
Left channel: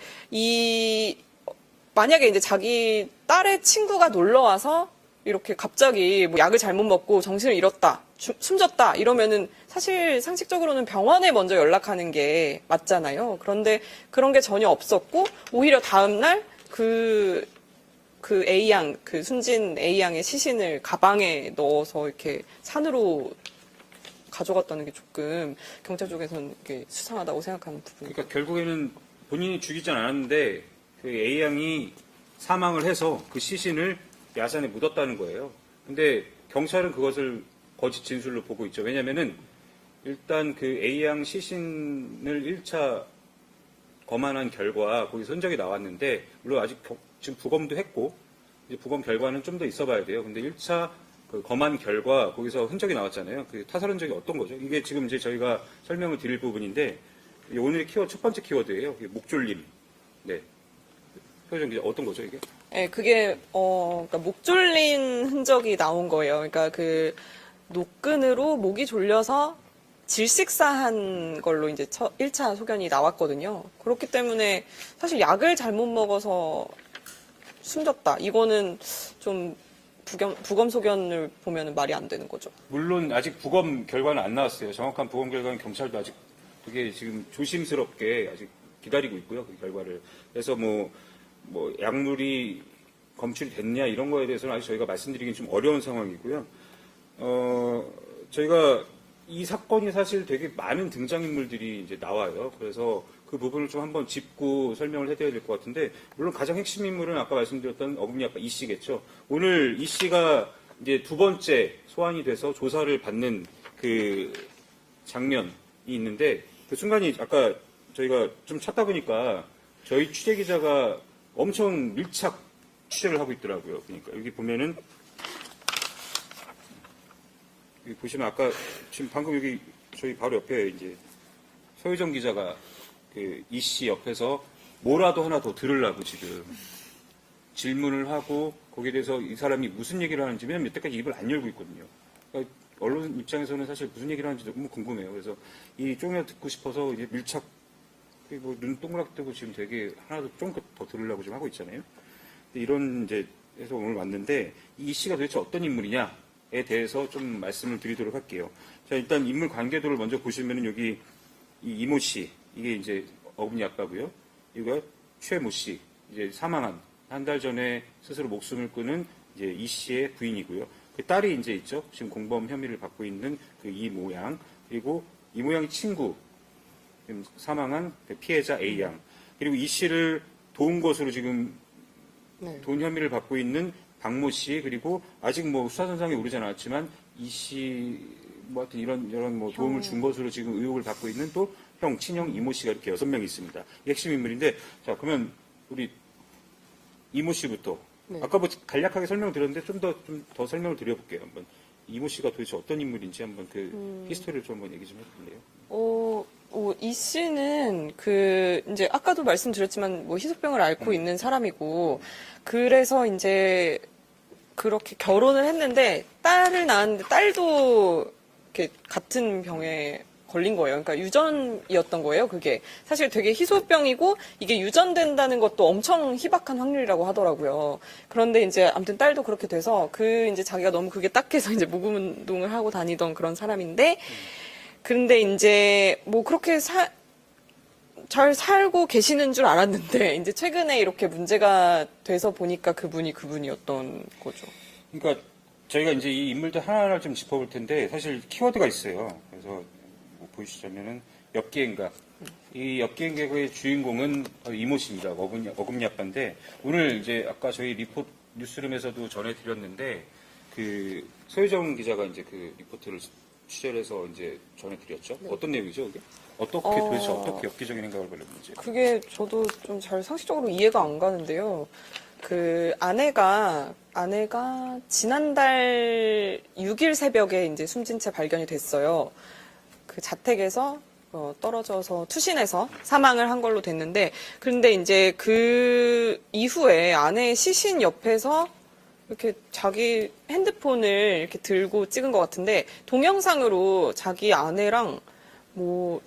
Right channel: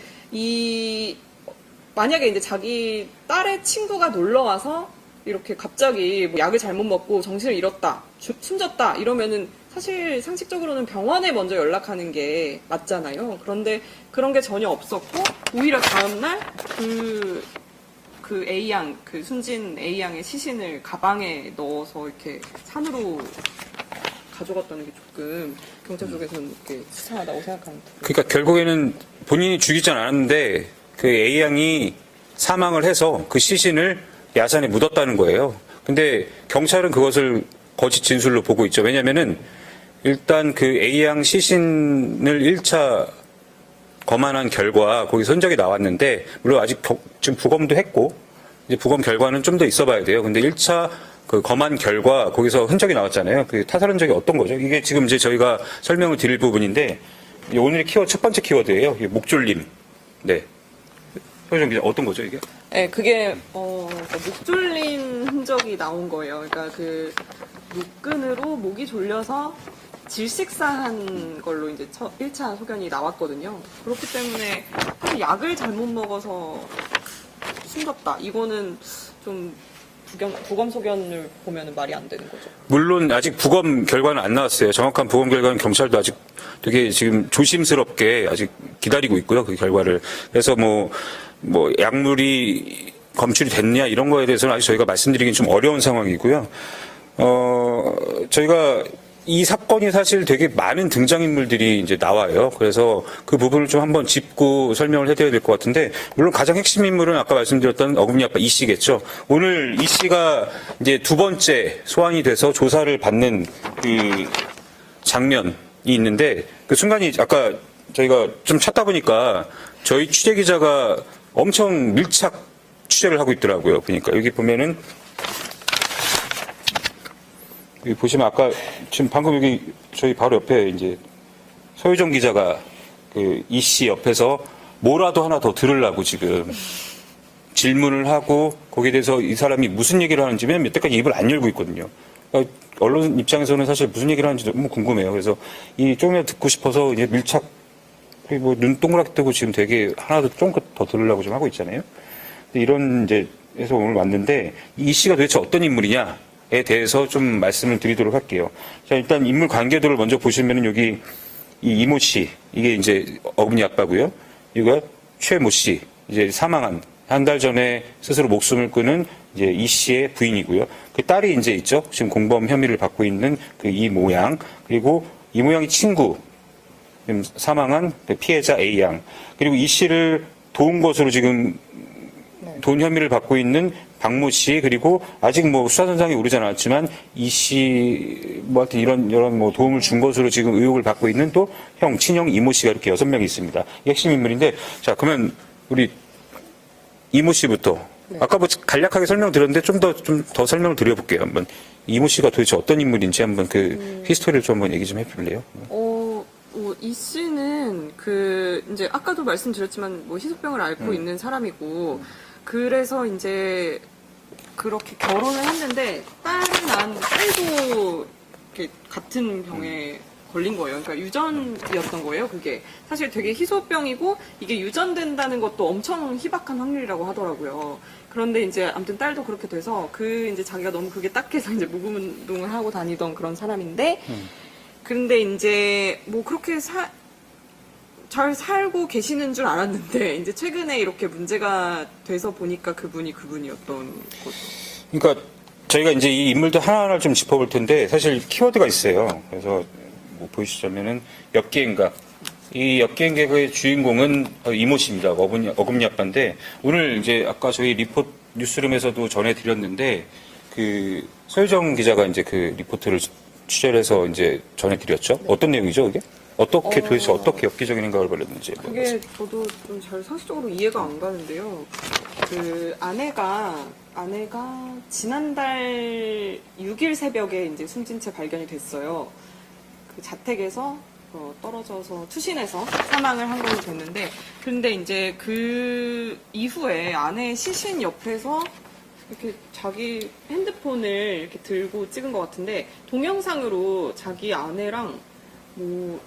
만약에 이제 자기 딸의 친구가 놀러 와서 이렇게 갑자기 뭐 약을 잘못 먹고 정신을 잃었다, 숨졌다 이러면은 사실 상식적으로는 병원에 먼저 연락하는 게 맞잖아요. 그런데 그런 게 전혀 없었고 오히려 다음날 그 A양, 그 숨진 A양의 시신을 가방에 넣어서 이렇게 산으로 가져갔다는 게 조금 경찰 쪽에서는 이렇게 수상하다고 생각하는 부분. 그러니까 결국에는 본인이 죽이지 않았는데 그 A양이 사망을 해서 그 시신을 야산에 묻었다는 거예요. 근데 경찰은 그것을 거짓 진술로 보고 있죠. 왜냐면은 일단 그 A양 시신을 1차 검안한 결과 거기서 흔적이 나왔는데 물론 아직 지금 부검도 했고 이제 부검 결과는 좀 더 있어 봐야 돼요. 근데 1차 그 검안 결과 거기서 흔적이 나왔잖아요. 그 타살 흔적이 어떤 거죠? 이게 지금 이제 저희가 설명을 드릴 부분인데 오늘의 키워드 첫 번째 키워드예요. 이게 목졸림. 네. 소유정 기자 어떤 거죠 이게? 네, 그게 그러니까 목 졸린 흔적이 나온 거예요. 그러니까 그 노끈으로 목이 졸려서 질식사한 걸로 이제 1차 소견이 나왔거든요. 그렇기 때문에 사실 약을 잘못 먹어서 숨졌다. 이거는 좀 부검 소견을 보면 말이 안 되는 거죠. 물론 아직 부검 결과는 안 나왔어요. 정확한 부검 결과는 경찰도 아직 되게 지금 조심스럽게 아직 기다리고 있고요. 그 결과를. 그래서 뭐 약물이 검출이 됐냐 이런 거에 대해서는 아직 저희가 말씀드리긴 좀 어려운 상황이고요. 저희가 이 사건이 사실 되게 많은 등장인물들이 이제 나와요. 그래서 그 부분을 좀 한번 짚고 설명을 해드려야 될 것 같은데, 물론 가장 핵심 인물은 아까 말씀드렸던 어금니 아빠 이 씨겠죠. 오늘 이 씨가 이제 두 번째 소환이 돼서 조사를 받는 그 장면이 있는데, 그 순간이 아까 저희가 좀 찾다 보니까 저희 취재 기자가 엄청 밀착 취재를 하고 있더라고요. 그러니까 여기 보면은 여기 보시면 아까 지금 방금 여기 저희 바로 옆에 이제 서유정 기자가 그 이 씨 옆에서 뭐라도 하나 더 들으려고 지금 질문을 하고 거기에 대해서 이 사람이 무슨 얘기를 하는지 맨 몇 대까지 입을 안 열고 있거든요. 그러니까 언론 입장에서는 사실 무슨 얘기를 하는지 너무 궁금해요. 그래서 이 조금이라도 듣고 싶어서 이제 밀착 뭐 눈 동그랗게 뜨고 지금 되게 하나도 좀 더 들으려고 좀 하고 있잖아요. 이런 이제 해서 오늘 왔는데 이 씨가 도대체 어떤 인물이냐에 대해서 좀 말씀을 드리도록 할게요. 자, 일단 인물 관계도를 먼저 보시면은 여기 이 이모 씨, 이게 이제 어금니 아빠고요. 이거 최모 씨, 이제 사망한 한 달 전에 스스로 목숨을 끊은 이제 이 씨의 부인이고요. 그 딸이 이제 있죠. 지금 공범 혐의를 받고 있는 그 이 모양, 그리고 이 모양의 친구, 사망한 피해자 A 양, 그리고 이 씨를 도운 것으로 지금 돈 혐의를 받고 있는 박모 씨, 그리고 아직 뭐 수사선상에 오르지 않았지만 이 씨, 뭐 하여튼 이런 뭐 도움을 준 것으로 지금 의혹을 받고 있는 또 형, 친형 이모 씨가 이렇게 6명이 있습니다. 이 핵심 인물인데, 자, 그러면 우리 이모 씨부터. 아까 뭐 간략하게 설명드렸는데 좀 더 설명을 드려볼게요. 한번 이모 씨가 도대체 어떤 인물인지 한번 그 히스토리를 좀 한번 얘기 좀 해볼래요? 이 씨는 이제 아까도 말씀드렸지만 뭐 희소병을 앓고 있는 사람이고 그래서 이제 그렇게 결혼을 했는데 딸을 낳은 딸도 이렇게 같은 병에 걸린 거예요. 그러니까 유전이었던 거예요. 그게 사실 되게 희소병이고 이게 유전된다는 것도 엄청 희박한 확률이라고 하더라고요. 그런데 이제 아무튼 딸도 그렇게 돼서 이제 자기가 너무 그게 딱해서 이제 모금 운동을 하고 다니던 그런 사람인데. 근데 이제 뭐 그렇게 잘 살고 계시는 줄 알았는데 이제 최근에 이렇게 문제가 돼서 보니까 그분이었던 거죠. 그러니까 저희가 이제 이 인물들 하나하나 좀 짚어볼 텐데 사실 키워드가 있어요. 그래서 뭐 보시자면은 엽기행각. 이 엽기행각의 주인공은 이모 씨입니다. 어금니 아빠인데 오늘 이제 아까 저희 뉴스룸에서도 전해드렸는데 그 소유정 기자가 이제 그 리포트를 취재를 해서 이제 전해드렸죠. 어떤 내용이죠, 그게? 도대체 어떻게 엽기적인 행각을 벌였는지. 그게 저도 좀 잘 상식적으로 이해가 안 가는데요. 그 아내가 지난달 6일 새벽에 이제 숨진 채 발견이 됐어요. 그 자택에서 떨어져서 투신해서 사망을 한 걸로 됐는데, 그런데 이제 그 이후에 아내의 시신 옆에서 이렇게 자기 핸드폰을 이렇게 들고 찍은 것 같은데 동영상으로 자기 아내랑 뭐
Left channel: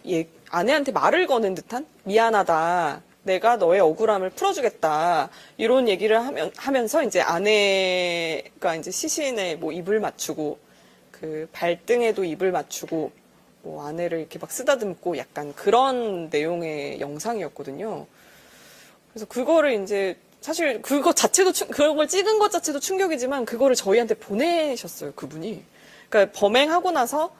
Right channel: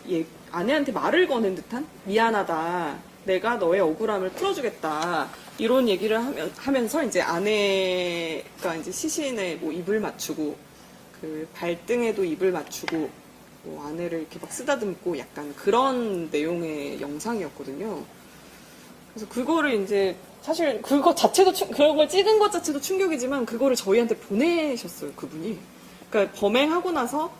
아내한테 말을 거는 듯한 미안하다, 내가 너의 억울함을 풀어주겠다 이런 얘기를 하면서 이제 아내가 이제 시신에 뭐 입을 맞추고 그 발등에도 입을 맞추고 뭐 아내를 이렇게 막 쓰다듬고 약간 그런 내용의 영상이었거든요. 그래서 그거를 이제 사실 그런 걸 찍은 것 자체도 충격이지만 그거를 저희한테 보내셨어요, 그분이. 그러니까 범행하고 나서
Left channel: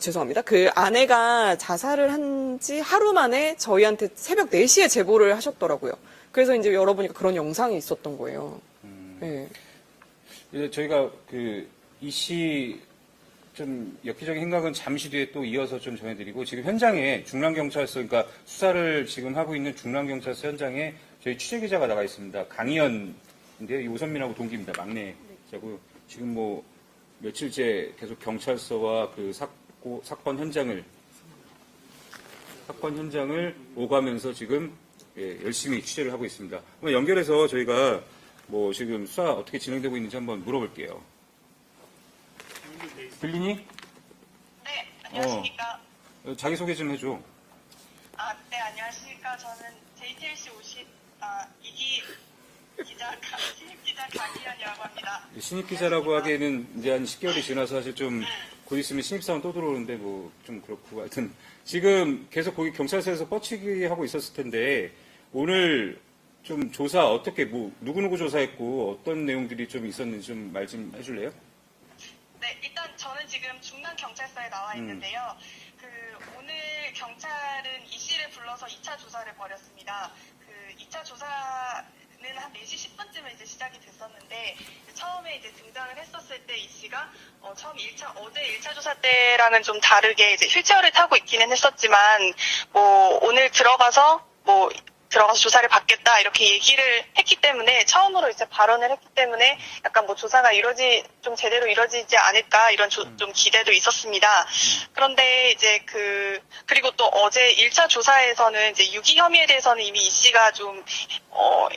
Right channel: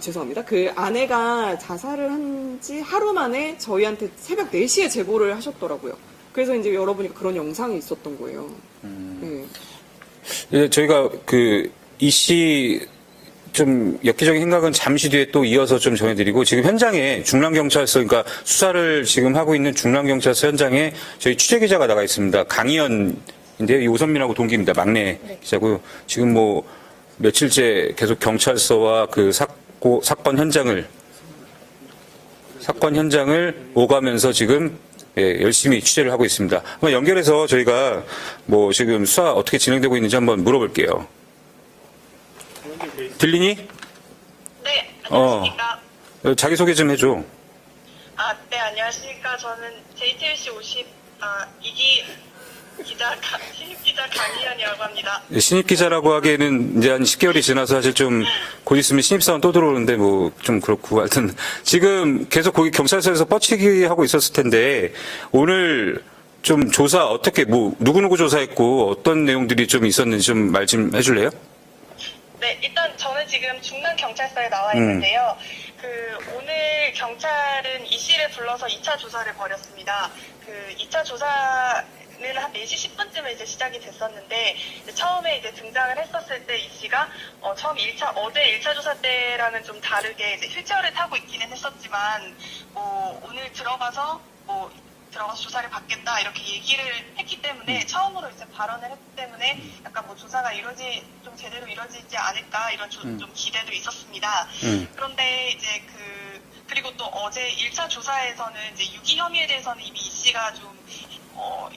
죄송합니다. 그 아내가 자살을 한 지 하루 만에 저희한테 새벽 4시에 제보를 하셨더라고요. 그래서 이제 열어보니까 그런 영상이 있었던 거예요. 네. 예, 저희가 이 씨 좀 엽기적인 행각은 잠시 뒤에 또 이어서 좀 전해드리고, 지금 현장에 중랑경찰서, 그러니까 수사를 지금 하고 있는 중랑경찰서 현장에 저희 취재기자가 나가 있습니다. 강희연인데요. 이 오선민하고 동기입니다. 막내 기자고요. 지금 뭐 며칠째 계속 경찰서와 그 사건 현장을 오가면서 지금 열심히 취재를 하고 있습니다. 한번 연결해서 저희가 뭐 지금 수사 어떻게 진행되고 있는지 한번 물어볼게요. 들리니? 네, 안녕하십니까. 자기소개 좀 해줘. 네, 안녕하십니까. 저는 JTBC 2기 신입 기자 강희연이라고 합니다. 신입 기자라고 하기에는 이제 한 10개월이 지나서 사실 좀 곧 있으면 신입사원 또 들어오는데 뭐 좀 그렇고, 하여튼 지금 계속 거기 경찰서에서 뻗치기 하고 있었을 텐데 오늘 좀 조사 어떻게 누구누구 조사했고 어떤 내용들이 좀 있었는지 좀 말 좀 해줄래요? 네, 일단 저는 지금 중랑경찰서에 나와 있는데요. 오늘 경찰은 이 씨를 불러서 2차 조사를 벌였습니다. 2차 조사는 한 4시 10분쯤에 이제 시작이 됐었는데, 처음에 이제 등장을 했었을 때 이 씨가 어제 1차 조사 때랑은 좀 다르게 이제 휠체어를 타고 있기는 했었지만, 오늘 들어가서 조사를 받겠다 이렇게 얘기를 했기 때문에, 처음으로 이제 발언을 했기 때문에 약간 조사가 좀 제대로 이루어지지 않을까 이런 좀 기대도 있었습니다. 그런데 이제 그리고 또 어제 1차 조사에서는 이제 유기 혐의에 대해서는 이미 이 씨가 좀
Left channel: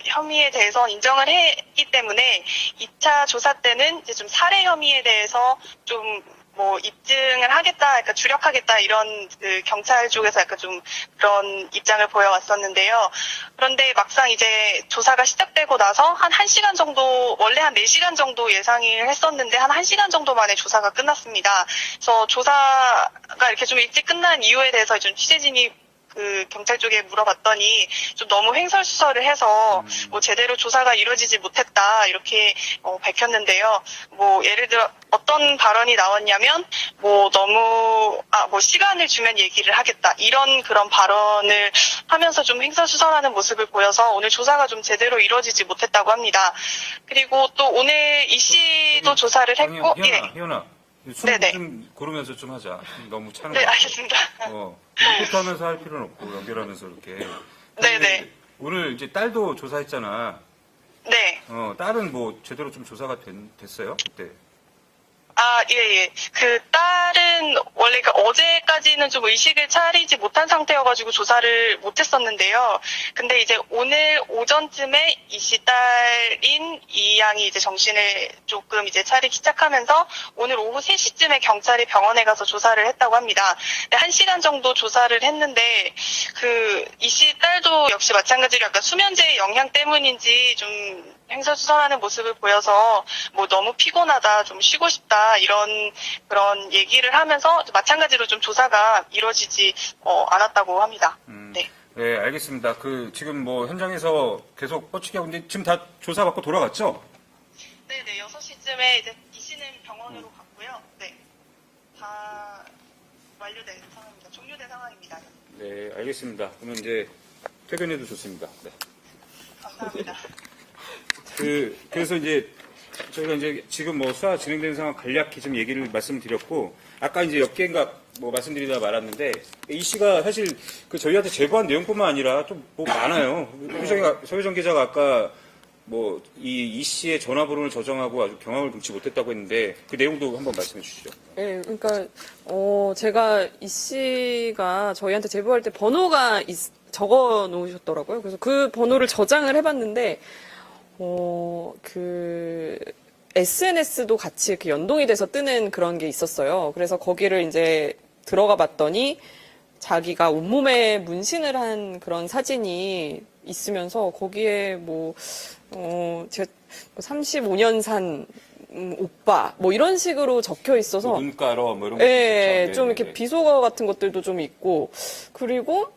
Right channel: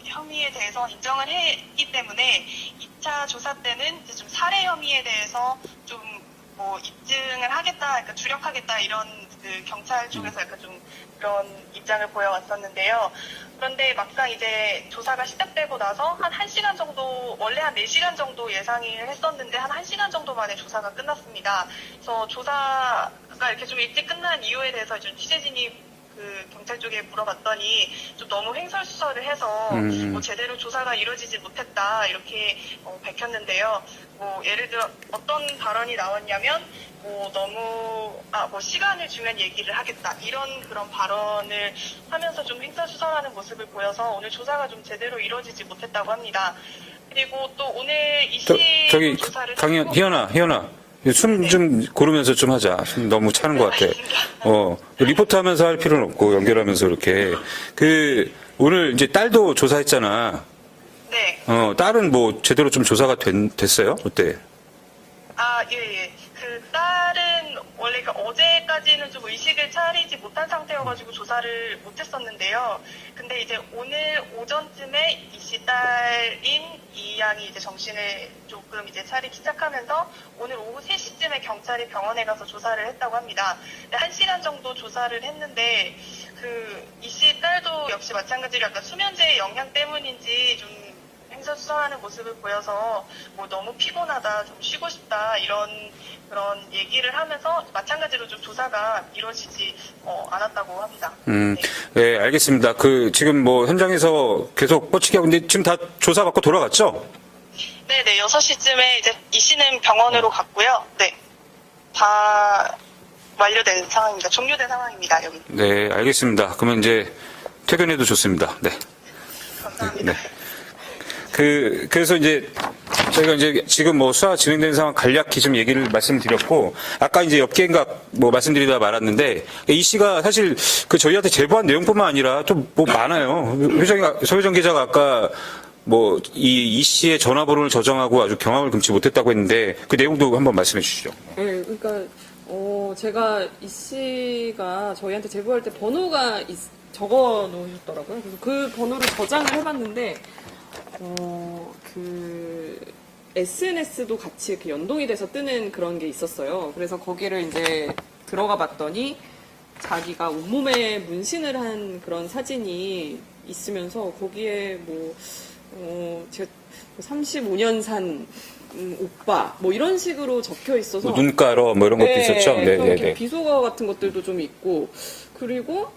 혐의에 대해서 인정을 했기 때문에 2차 조사 때는 이제 좀 살해 혐의에 대해서 좀 입증을 하겠다, 그러니까 주력하겠다 이런 경찰 쪽에서 약간 좀 그런 입장을 보여왔었는데요. 그런데 막상 이제 조사가 시작되고 나서 한 1시간 정도, 원래 한 4시간 정도 예상을 했었는데 한 1시간 정도 만에 조사가 끝났습니다. 그래서 조사가 이렇게 좀 일찍 끝난 이유에 대해서 좀 취재진이 그 경찰 쪽에 물어봤더니 좀 너무 횡설수설을 해서 뭐 제대로 조사가 이루어지지 못했다 이렇게 밝혔는데요. 뭐 예를 들어 어떤 발언이 나왔냐면 뭐 너무 뭐 시간을 주면 얘기를 하겠다 이런 그런 발언을 하면서 좀 횡설수설하는 모습을 보여서 오늘 조사가 좀 제대로 이루어지지 못했다고 합니다. 그리고 또 오늘 이 씨도 조사를 했고 희연아. 숨 좀 고르면서 좀 하자. 숨 너무 차는 것 같아. 리포트 하면서 할 필요는 없고, 연결하면서 이렇게. 오늘 이제 딸도 조사했잖아. 네. 딸은 뭐 제대로 좀 조사가 됐어요? 어때? 예. 그 딸은 원래 어제까지는 좀 의식을 차리지 못한 상태여가지고 조사를 못했었는데요. 근데 이제 오늘 오전쯤에 이 씨 딸인 이 양이 이제 정신을 조금 이제 차리기 시작하면서 오늘 오후 3시쯤에 경찰이 병원에 가서 조사를 했다고 합니다. 1시간 정도 조사를 했는데 이 씨 딸도 역시 마찬가지로 약간 수면제 영향 때문인지 좀 횡설수설하는 모습을 보여서 뭐 너무 피곤하다, 좀 쉬고 싶다 이런 그런 얘기를 하면서 마찬가지로 좀 조사가 이루어지지 않았다고 합니다. 네, 알겠습니다. 지금 뭐 현장에서 계속 뻗치기 하고 있는데 지금 다 조사 받고 돌아갔죠? 네네, 6시쯤에 이제 이 씨는 병원으로 갔고요. 네, 다 완료된 상황입니다. 종료된 상황입니다, 여기. 네, 알겠습니다. 그러면 이제 퇴근해도 좋습니다. 네. 감사합니다. 네. 그래서 이제 저희가 이제 지금 뭐 수사 진행되는 상황 간략히 좀 얘기를 말씀드렸고 아까 이제 엽기행각 뭐 말씀드리다 말았는데 이 씨가 사실 저희한테 제보한 내용뿐만 아니라 좀 뭐 많아요. 소혜정 기자가 아까 뭐 이 씨의 전화번호를 저장하고 아주 경악을 금치 못했다고 했는데 그 내용도 한번 말씀해 주시죠. 네, 그러니까 제가 이 씨가 저희한테 제보할 때 번호가 적어 놓으셨더라고요. 그래서 그 번호를 저장을 해봤는데 SNS도 같이 이렇게 연동이 돼서 뜨는 그런 게 있었어요. 그래서 거기를 이제 들어가 봤더니 자기가 온몸에 문신을 한 그런 사진이 있으면서 거기에 제가 35년 산 오빠 뭐 이런 식으로 적혀 있어서 눈가로 뭐 이런 것도 있었죠. 좀 이렇게 비속어 같은 것들도 좀 있고 그리고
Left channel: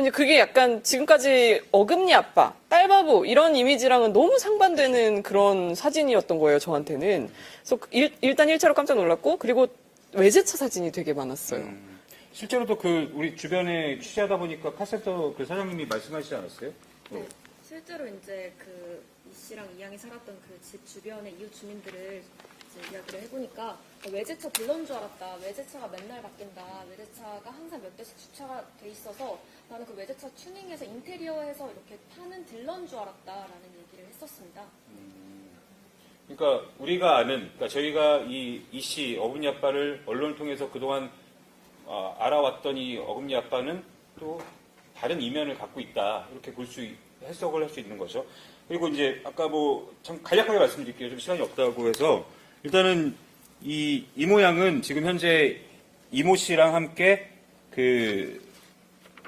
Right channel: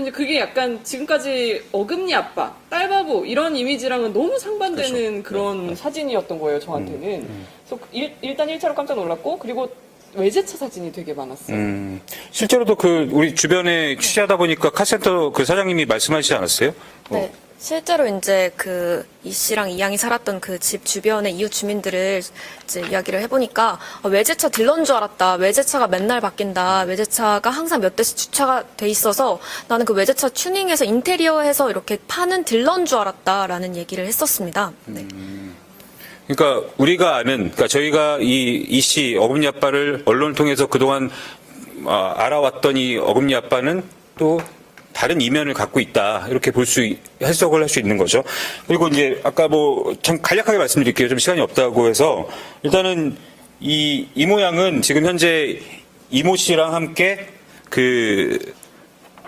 이제 그게 약간 지금까지 어금니 아빠, 딸바보 이런 이미지랑은 너무 상반되는 그런 사진이었던 거예요, 저한테는. 그래서 일단 1차로 깜짝 놀랐고 그리고 외제차 사진이 되게 많았어요. 실제로도 우리 주변에 취재하다 보니까 카센터 사장님이 말씀하시지 않았어요? 네. 실제로 이제 이 씨랑 이 양이 살았던 그 집 주변의 이웃 주민들을 이제 이야기를 해보니까 외제차 딜러인 줄 알았다. 외제차가 맨날 바뀐다. 외제차가 항상 몇 대씩 주차가 돼 있어서 나는 그 외제차 튜닝해서 인테리어해서 이렇게 파는 딜러인 줄 알았다라는 얘기를 했었습니다. 네. 그러니까 우리가 아는, 저희가 이 씨 어금니 아빠를 언론을 통해서 그동안 알아왔던 이 어금니 아빠는 또 다른 이면을 갖고 있다. 이렇게 해석을 할 수 있는 거죠. 그리고 이제 아까 참 간략하게 말씀드릴게요. 좀 시간이 없다고 해서 일단은 이 모양은 지금 현재 이모 씨랑 함께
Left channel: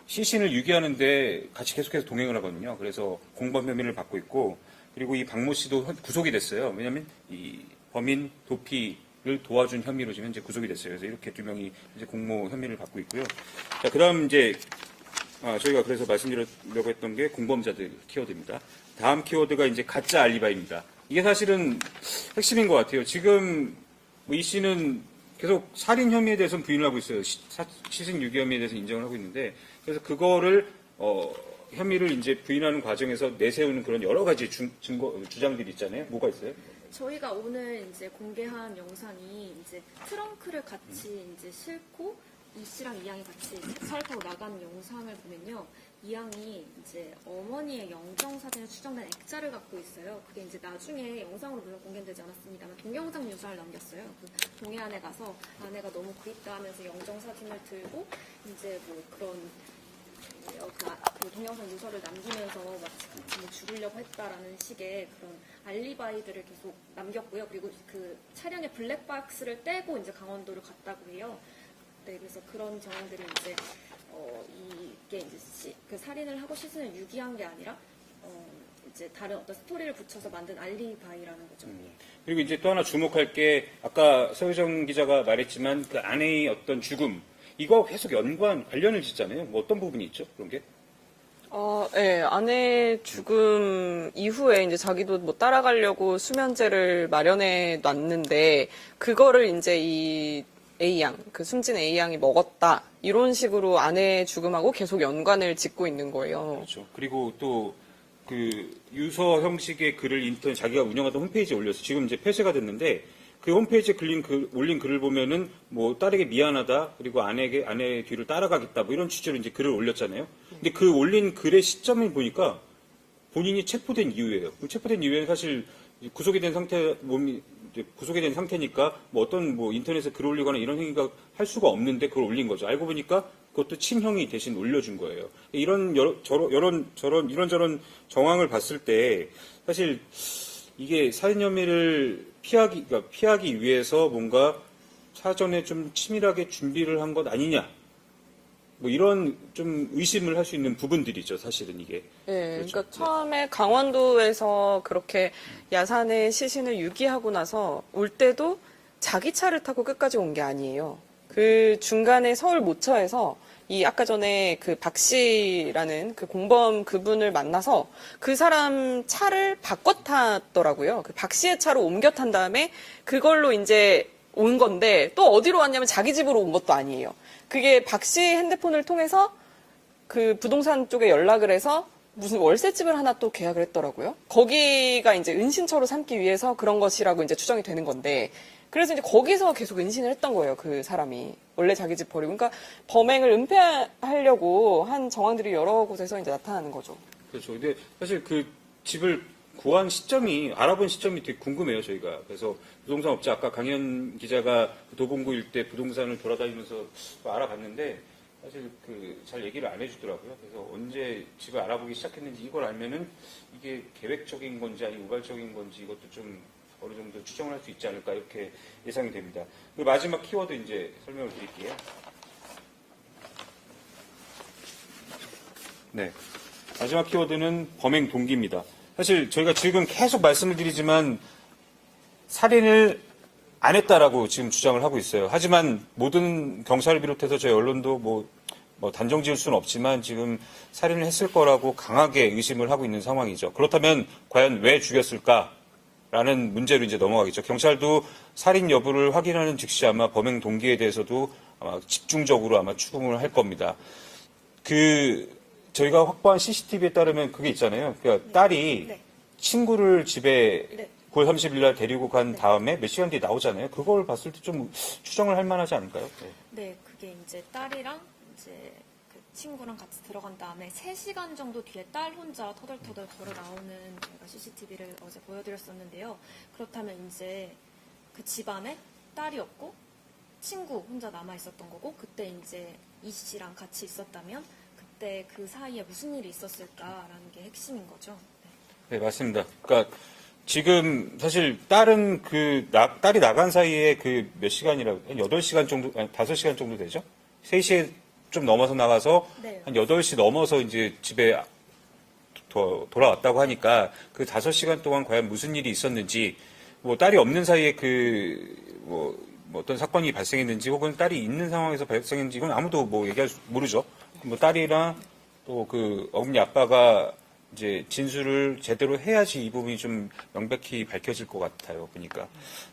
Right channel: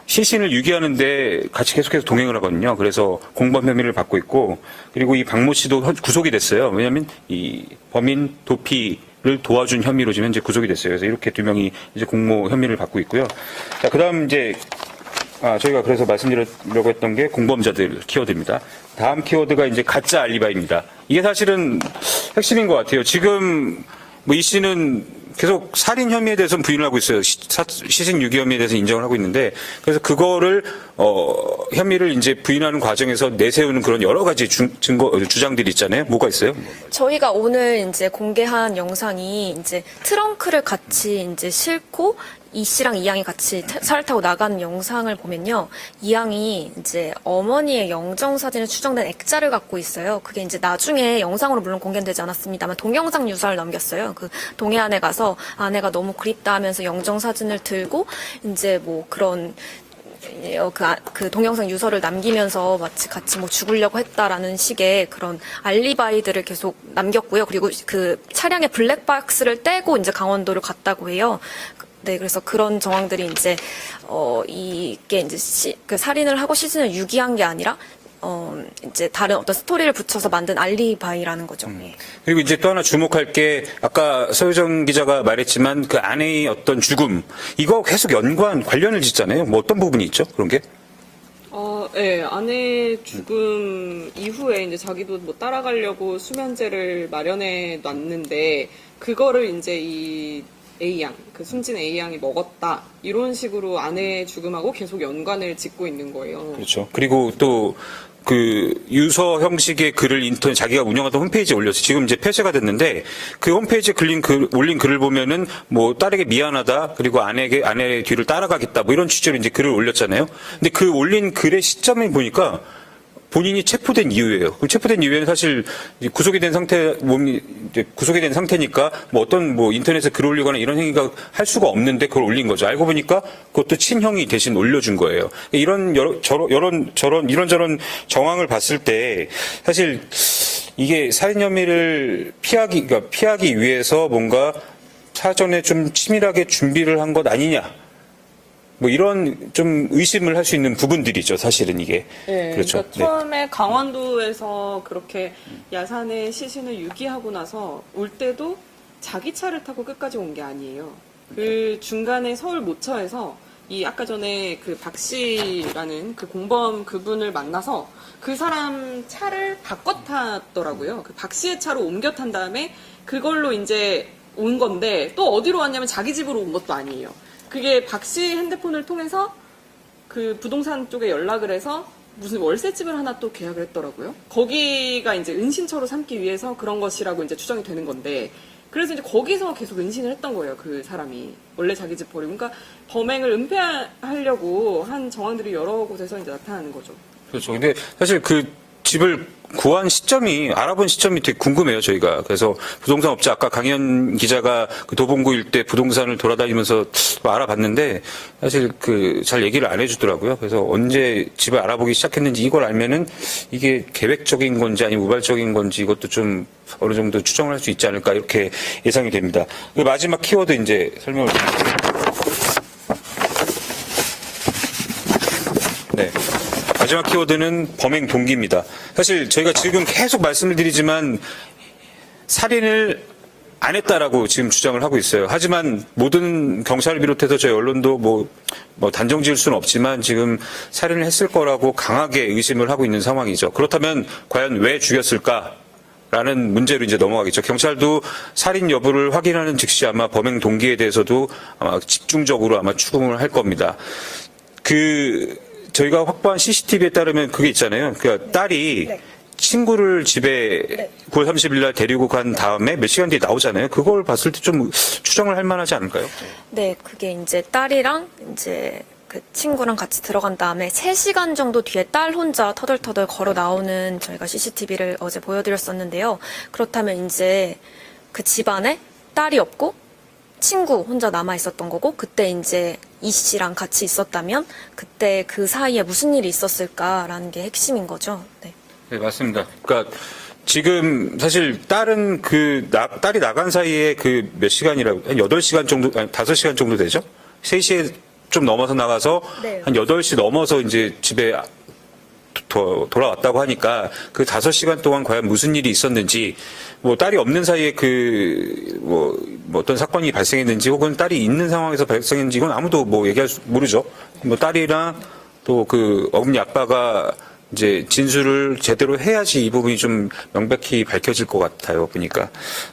시신을 유기하는데 같이 계속해서 동행을 하거든요. 그래서 공범 혐의를 받고 있고 그리고 이 박모 씨도 구속이 됐어요. 왜냐하면 이 범인 도피를 도와준 혐의로 지금 현재 구속이 됐어요. 그래서 이렇게 2명이 이제 공모 혐의를 받고 있고요. 자, 그다음 이제 저희가 그래서 말씀드리려고 했던 게 공범자들 키워드입니다. 다음 키워드가 이제 가짜 알리바이입니다. 이게 사실은 핵심인 것 같아요. 지금 이 씨는 계속 살인 혐의에 대해서는 부인을 하고 있어요. 시신 유기 혐의에 대해서 인정을 하고 있는데 그래서 그거를 혐의를 이제 부인하는 과정에서 내세우는 그런 여러 가지 주장들이 있잖아요. 뭐가 있어요? 저희가 오늘 이제 공개한 영상이 이제 트렁크를 같이 이제 싣고 이 씨랑 이 양이 같이 차를 타고 나가는 영상을 보면요. 이 양이 이제 어머니의 영정 사진에 추정된 액자를 갖고 있어요. 그게 이제 나중에 영상으로 물론 공개되지 않았습니다만 동영상 유서를 남겼어요. 동해안에 가서 아내가 너무 그립다 하면서 영정 사진을 들고 이제 그런 그 동영상 유서를 남기면서 마치 같이 죽으려고 했다라는 식의 그런 알리바이들을 계속 남겼고요. 그리고 차량의 블랙박스를 떼고 이제 강원도를 갔다고 해요. 네, 그래서 그런 정황들이 이제 이게 이제 살인을 하고 시신을 유기한 게 아니라 이제 다른 어떤 스토리를 붙여서 만든 알리바이라는 거죠. 예. 그리고 이제 또 하나 주목할 게 아까 서유정 기자가 말했지만 그 아내의 어떤 죽음 이거 계속 관련을 짓잖아요. 뭐 어떤 부분이 있죠? 그런 게? 네, 아내 죽음 이후에 이제 자기도 뭐 따라가려고 수면제를 마련해 놨는데 그거를 이제 이 A양, 그 숨진 A양이 먹었다 이런 식으로 아내 죽음하고 계속 연관을 짓고 있는 거예요. 그렇죠. 그리고 또 그 유서 형식의 글을 인터넷 자기가 운영하던 홈페이지에 올렸어요. 지금 이제 폐쇄가 됐는데 그 홈페이지에 올린 글을 보면은 뭐 딸에게 미안하다 그리고 아내의 뒤를 따라가겠다 뭐 이런 취지로 이제 글을 올렸잖아요. 근데 그 올린 글의 시점을 보니까 본인이 체포된 이후예요. 그 체포된 이후에는 사실 구속이 된 상태니까 뭐 어떤 뭐 인터넷에 글 올리거나 이런 행위가 할 수가 없는데 그걸 올린 거죠. 알고 보니까 그것도 친형이 대신 올려준 거예요. 이런저런 정황을 봤을 때 사실 이게 살인 혐의를 피하기 위해서 뭔가 사전에 좀 치밀하게 준비를 한 것 아니냐. 뭐 이런 좀 의심을 할 수 있는 부분들이죠, 사실은 이게. 네, 그렇죠. 그러니까 처음에 강원도에서 그렇게 야산의 시신을 유기하고 나서 올 때도 자기 차를 타고 끝까지 온 게 아니에요. 그 중간에 서울 모처에서 이 아까 전에 그 박 씨라는 그 공범 그분을 만나서 그 사람 차를 바꿔 탔더라고요. 그 박 씨의 차로 옮겨 탄 다음에 그걸로 이제 온 건데 또 어디로 왔냐면 자기 집으로 온 것도 아니에요. 그게 박 씨 핸드폰을 통해서 그 부동산 쪽에 연락을 해서 무슨 월세집을 하나 또 계약을 했더라고요. 거기가 이제 은신처로 삼기 위해서 그런 것이라고 이제 추정이 되는 건데, 그래서 이제 거기서 계속 은신을 했던 거예요, 그 사람이. 원래 자기 집 버리고. 그러니까 범행을 은폐하려고 한 정황들이 여러 곳에서 이제 나타나는 거죠. 그렇죠. 근데 사실 그 집을 알아본 시점이 되게 궁금해요, 저희가. 그래서 부동산 업체, 아까 강현 기자가 그 도봉구 일대 부동산을 돌아다니면서 알아봤는데, 사실 잘 얘기를 안 해주더라고요. 그래서 언제 집을 알아보기 시작했는지 이걸 알면은 이게 계획적인 건지 아니면 우발적인 건지 이것도 좀 어느 정도 추정을 할 수 있지 않을까, 이렇게 예상이 됩니다. 그 마지막 키워드 이제 설명을 드릴게요. 네. 마지막 키워드는 범행 동기입니다. 사실 저희가 지금 계속 말씀을 드리지만 살인을 안 했다라고 지금 주장을 하고 있어요. 하지만 모든 경찰을 비롯해서 저희 언론도 뭐 단정 지을 수는 없지만 지금 살인을 했을 거라고 강하게 의심을 하고 있는 상황이죠. 그렇다면 과연 왜 죽였을까? 라는 문제로 이제 넘어가겠죠. 경찰도 살인 여부를 확인하는 즉시 아마 범행 동기에 대해서도 아마 집중적으로 아마 추궁을 할 겁니다. 저희가 확보한 CCTV에 따르면 그게 있잖아요. 그러니까 딸이 친구를 집에 9월 30일 날 데리고 간 다음에 몇 시간 뒤에 나오잖아요. 그걸 봤을 때 좀 추정을 할 만하지 않을까요? 네, 그게 이제 딸이랑 이제 그 친구랑 같이 들어간 다음에 3시간 정도 뒤에 딸 혼자 터덜터덜 걸어 나오는 저희가 CCTV를 어제 보여드렸었는데요. 그렇다면 이제 그 집안에 딸이 없고 친구 혼자 남아 있었던 거고, 그때 이제 이 씨랑 같이 있었다면 그때 그 사이에 무슨 일이 있었을까라는 게 핵심인 거죠. 네, 네, 맞습니다. 그러니까 지금 사실 딸은 딸이 나간 사이에 그 몇 시간이라고, 한 8시간 정도, 아니 5시간 정도 되죠? 3시에 좀 넘어서 나가서 네. 한 8시 넘어서 이제 집에 돌아왔다고 하니까 그 5시간 동안 과연 무슨 일이 있었는지, 뭐 딸이 없는 사이에 뭐 어떤 사건이 발생했는지 혹은 딸이 있는 상황에서 발생했는지 이건 아무도 모르죠. 뭐 딸이랑 또 그 어머니 아빠가 이제 진술을 제대로 해야지 이 부분이 좀 명백히 밝혀질 것 같아요, 보니까.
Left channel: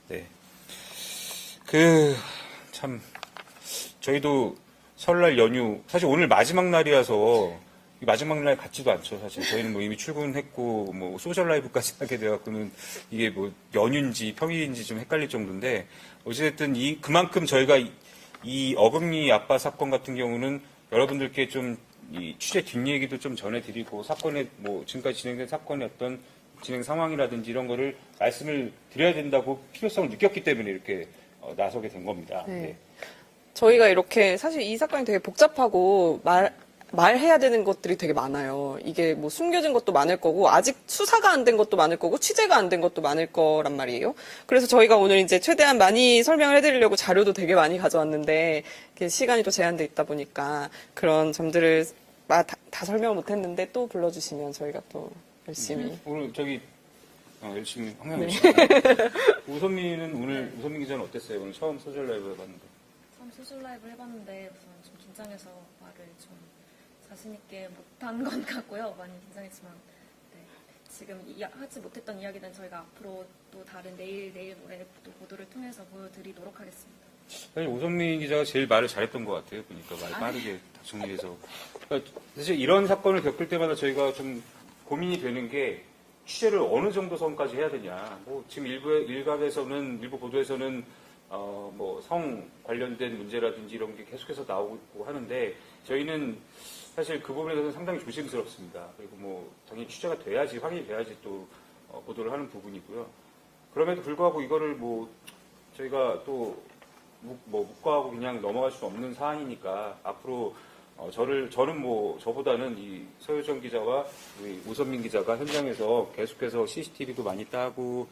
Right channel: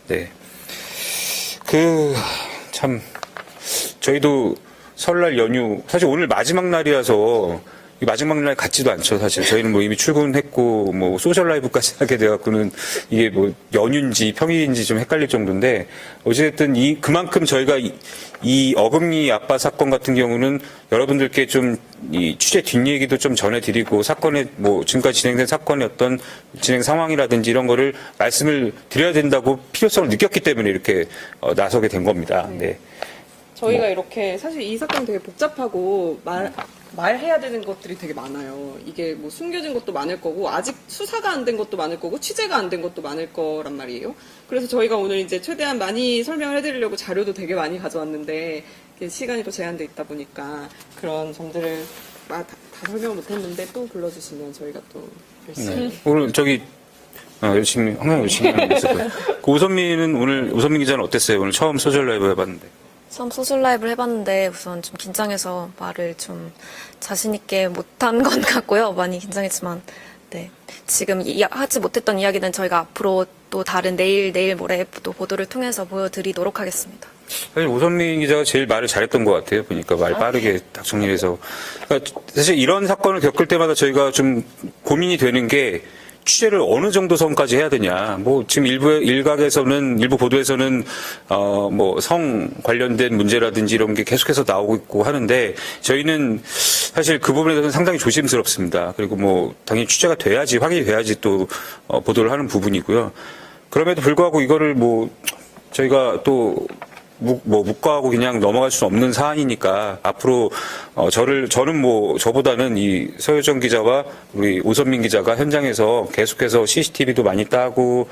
네. 참 저희도 설날 연휴, 사실 오늘 마지막 날이라서 이 마지막 날 같지도 않죠, 사실. 저희는 뭐 이미 출근했고, 뭐 소셜 라이브까지 하게 돼갖고는 이게 뭐 연휴인지 평일인지 좀 헷갈릴 정도인데, 어쨌든 그만큼 저희가 이 어금니 아빠 사건 같은 경우는 여러분들께 좀 이 취재 뒷얘기도 좀 전해드리고, 사건의 뭐 지금까지 진행된 사건의 어떤 진행 상황이라든지 이런 거를 말씀을 드려야 된다고 필요성을 느꼈기 때문에 이렇게 나서게 된 겁니다. 네. 저희가 이렇게 사실 이 사건 되게 복잡하고 말해야 되는 것들이 되게 많아요. 이게 뭐 숨겨진 것도 많을 거고, 아직 수사가 안 된 것도 많을 거고, 취재가 안 된 것도 많을 거란 말이에요. 그래서 저희가 오늘 이제 최대한 많이 설명을 해드리려고 자료도 되게 많이 가져왔는데, 시간이 또 제한돼 있다 보니까 그런 점들을 다 설명을 못 했는데 또 불러주시면 저희가 또 네. 오늘 저기 열심히 항상 열심히 하는 모습을. 그 오선민 기자는 어땠어요? 오늘 처음 소셜 라이브 해봤는데. 처음 소셜 라이브를 해봤는데 우선 좀 긴장해서 말을 좀 자신 있게 못한 건 같고요. 많이 긴장했지만 네. 지금 하지 못했던 이야기는 저희가 앞으로 또 다른 내일 모레 또 보도를 통해서 보여드리도록 하겠습니다. 사실 오선민 기자가 제일 말을 잘했던 것 같아요. 보니까 말 빠르게 딱 정리해서. 그러니까 사실 이런 사건을 겪을 때마다 저희가 좀 고민이 되는 게 취재를 어느 정도 선까지 해야 되냐. 뭐 지금 일부 보도에서는 뭐 성 관련된 문제라든지 이런 게 계속해서 나오고 있고 하는데 저희는 사실 그 부분에 대해서는 상당히 조심스럽습니다. 그리고 뭐 당연히 취재가 돼야지 확인이 돼야지 또 보도를 하는 부분이고요. 그럼에도 불구하고 이거를 뭐 저희가 또 묵과하고 그냥 넘어갈 수 없는 사안이니까 앞으로 저는 뭐 저보다는 이 서효정 기자와 우리 오선민 기자가 현장에서 계속해서 CCTV도 많이 따고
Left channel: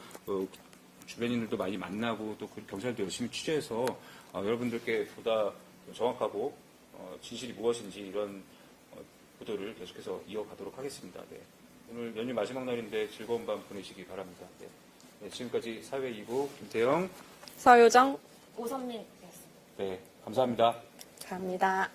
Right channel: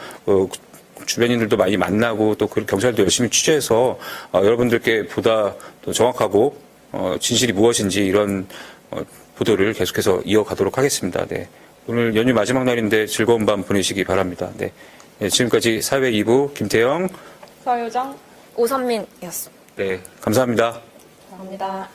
주변인들도 많이 만나고 또 경찰도 열심히 취재해서 여러분들께 보다 더 정확하고 진실이 무엇인지 이런 보도를 계속해서 이어가도록 하겠습니다. 네. 오늘 연휴 마지막 날인데 즐거운 밤 보내시기 바랍니다. 네. 네, 지금까지 사회 2부 김태영, 서효정, 오선민이었습니다. 네, 감사합니다. 감사합니다.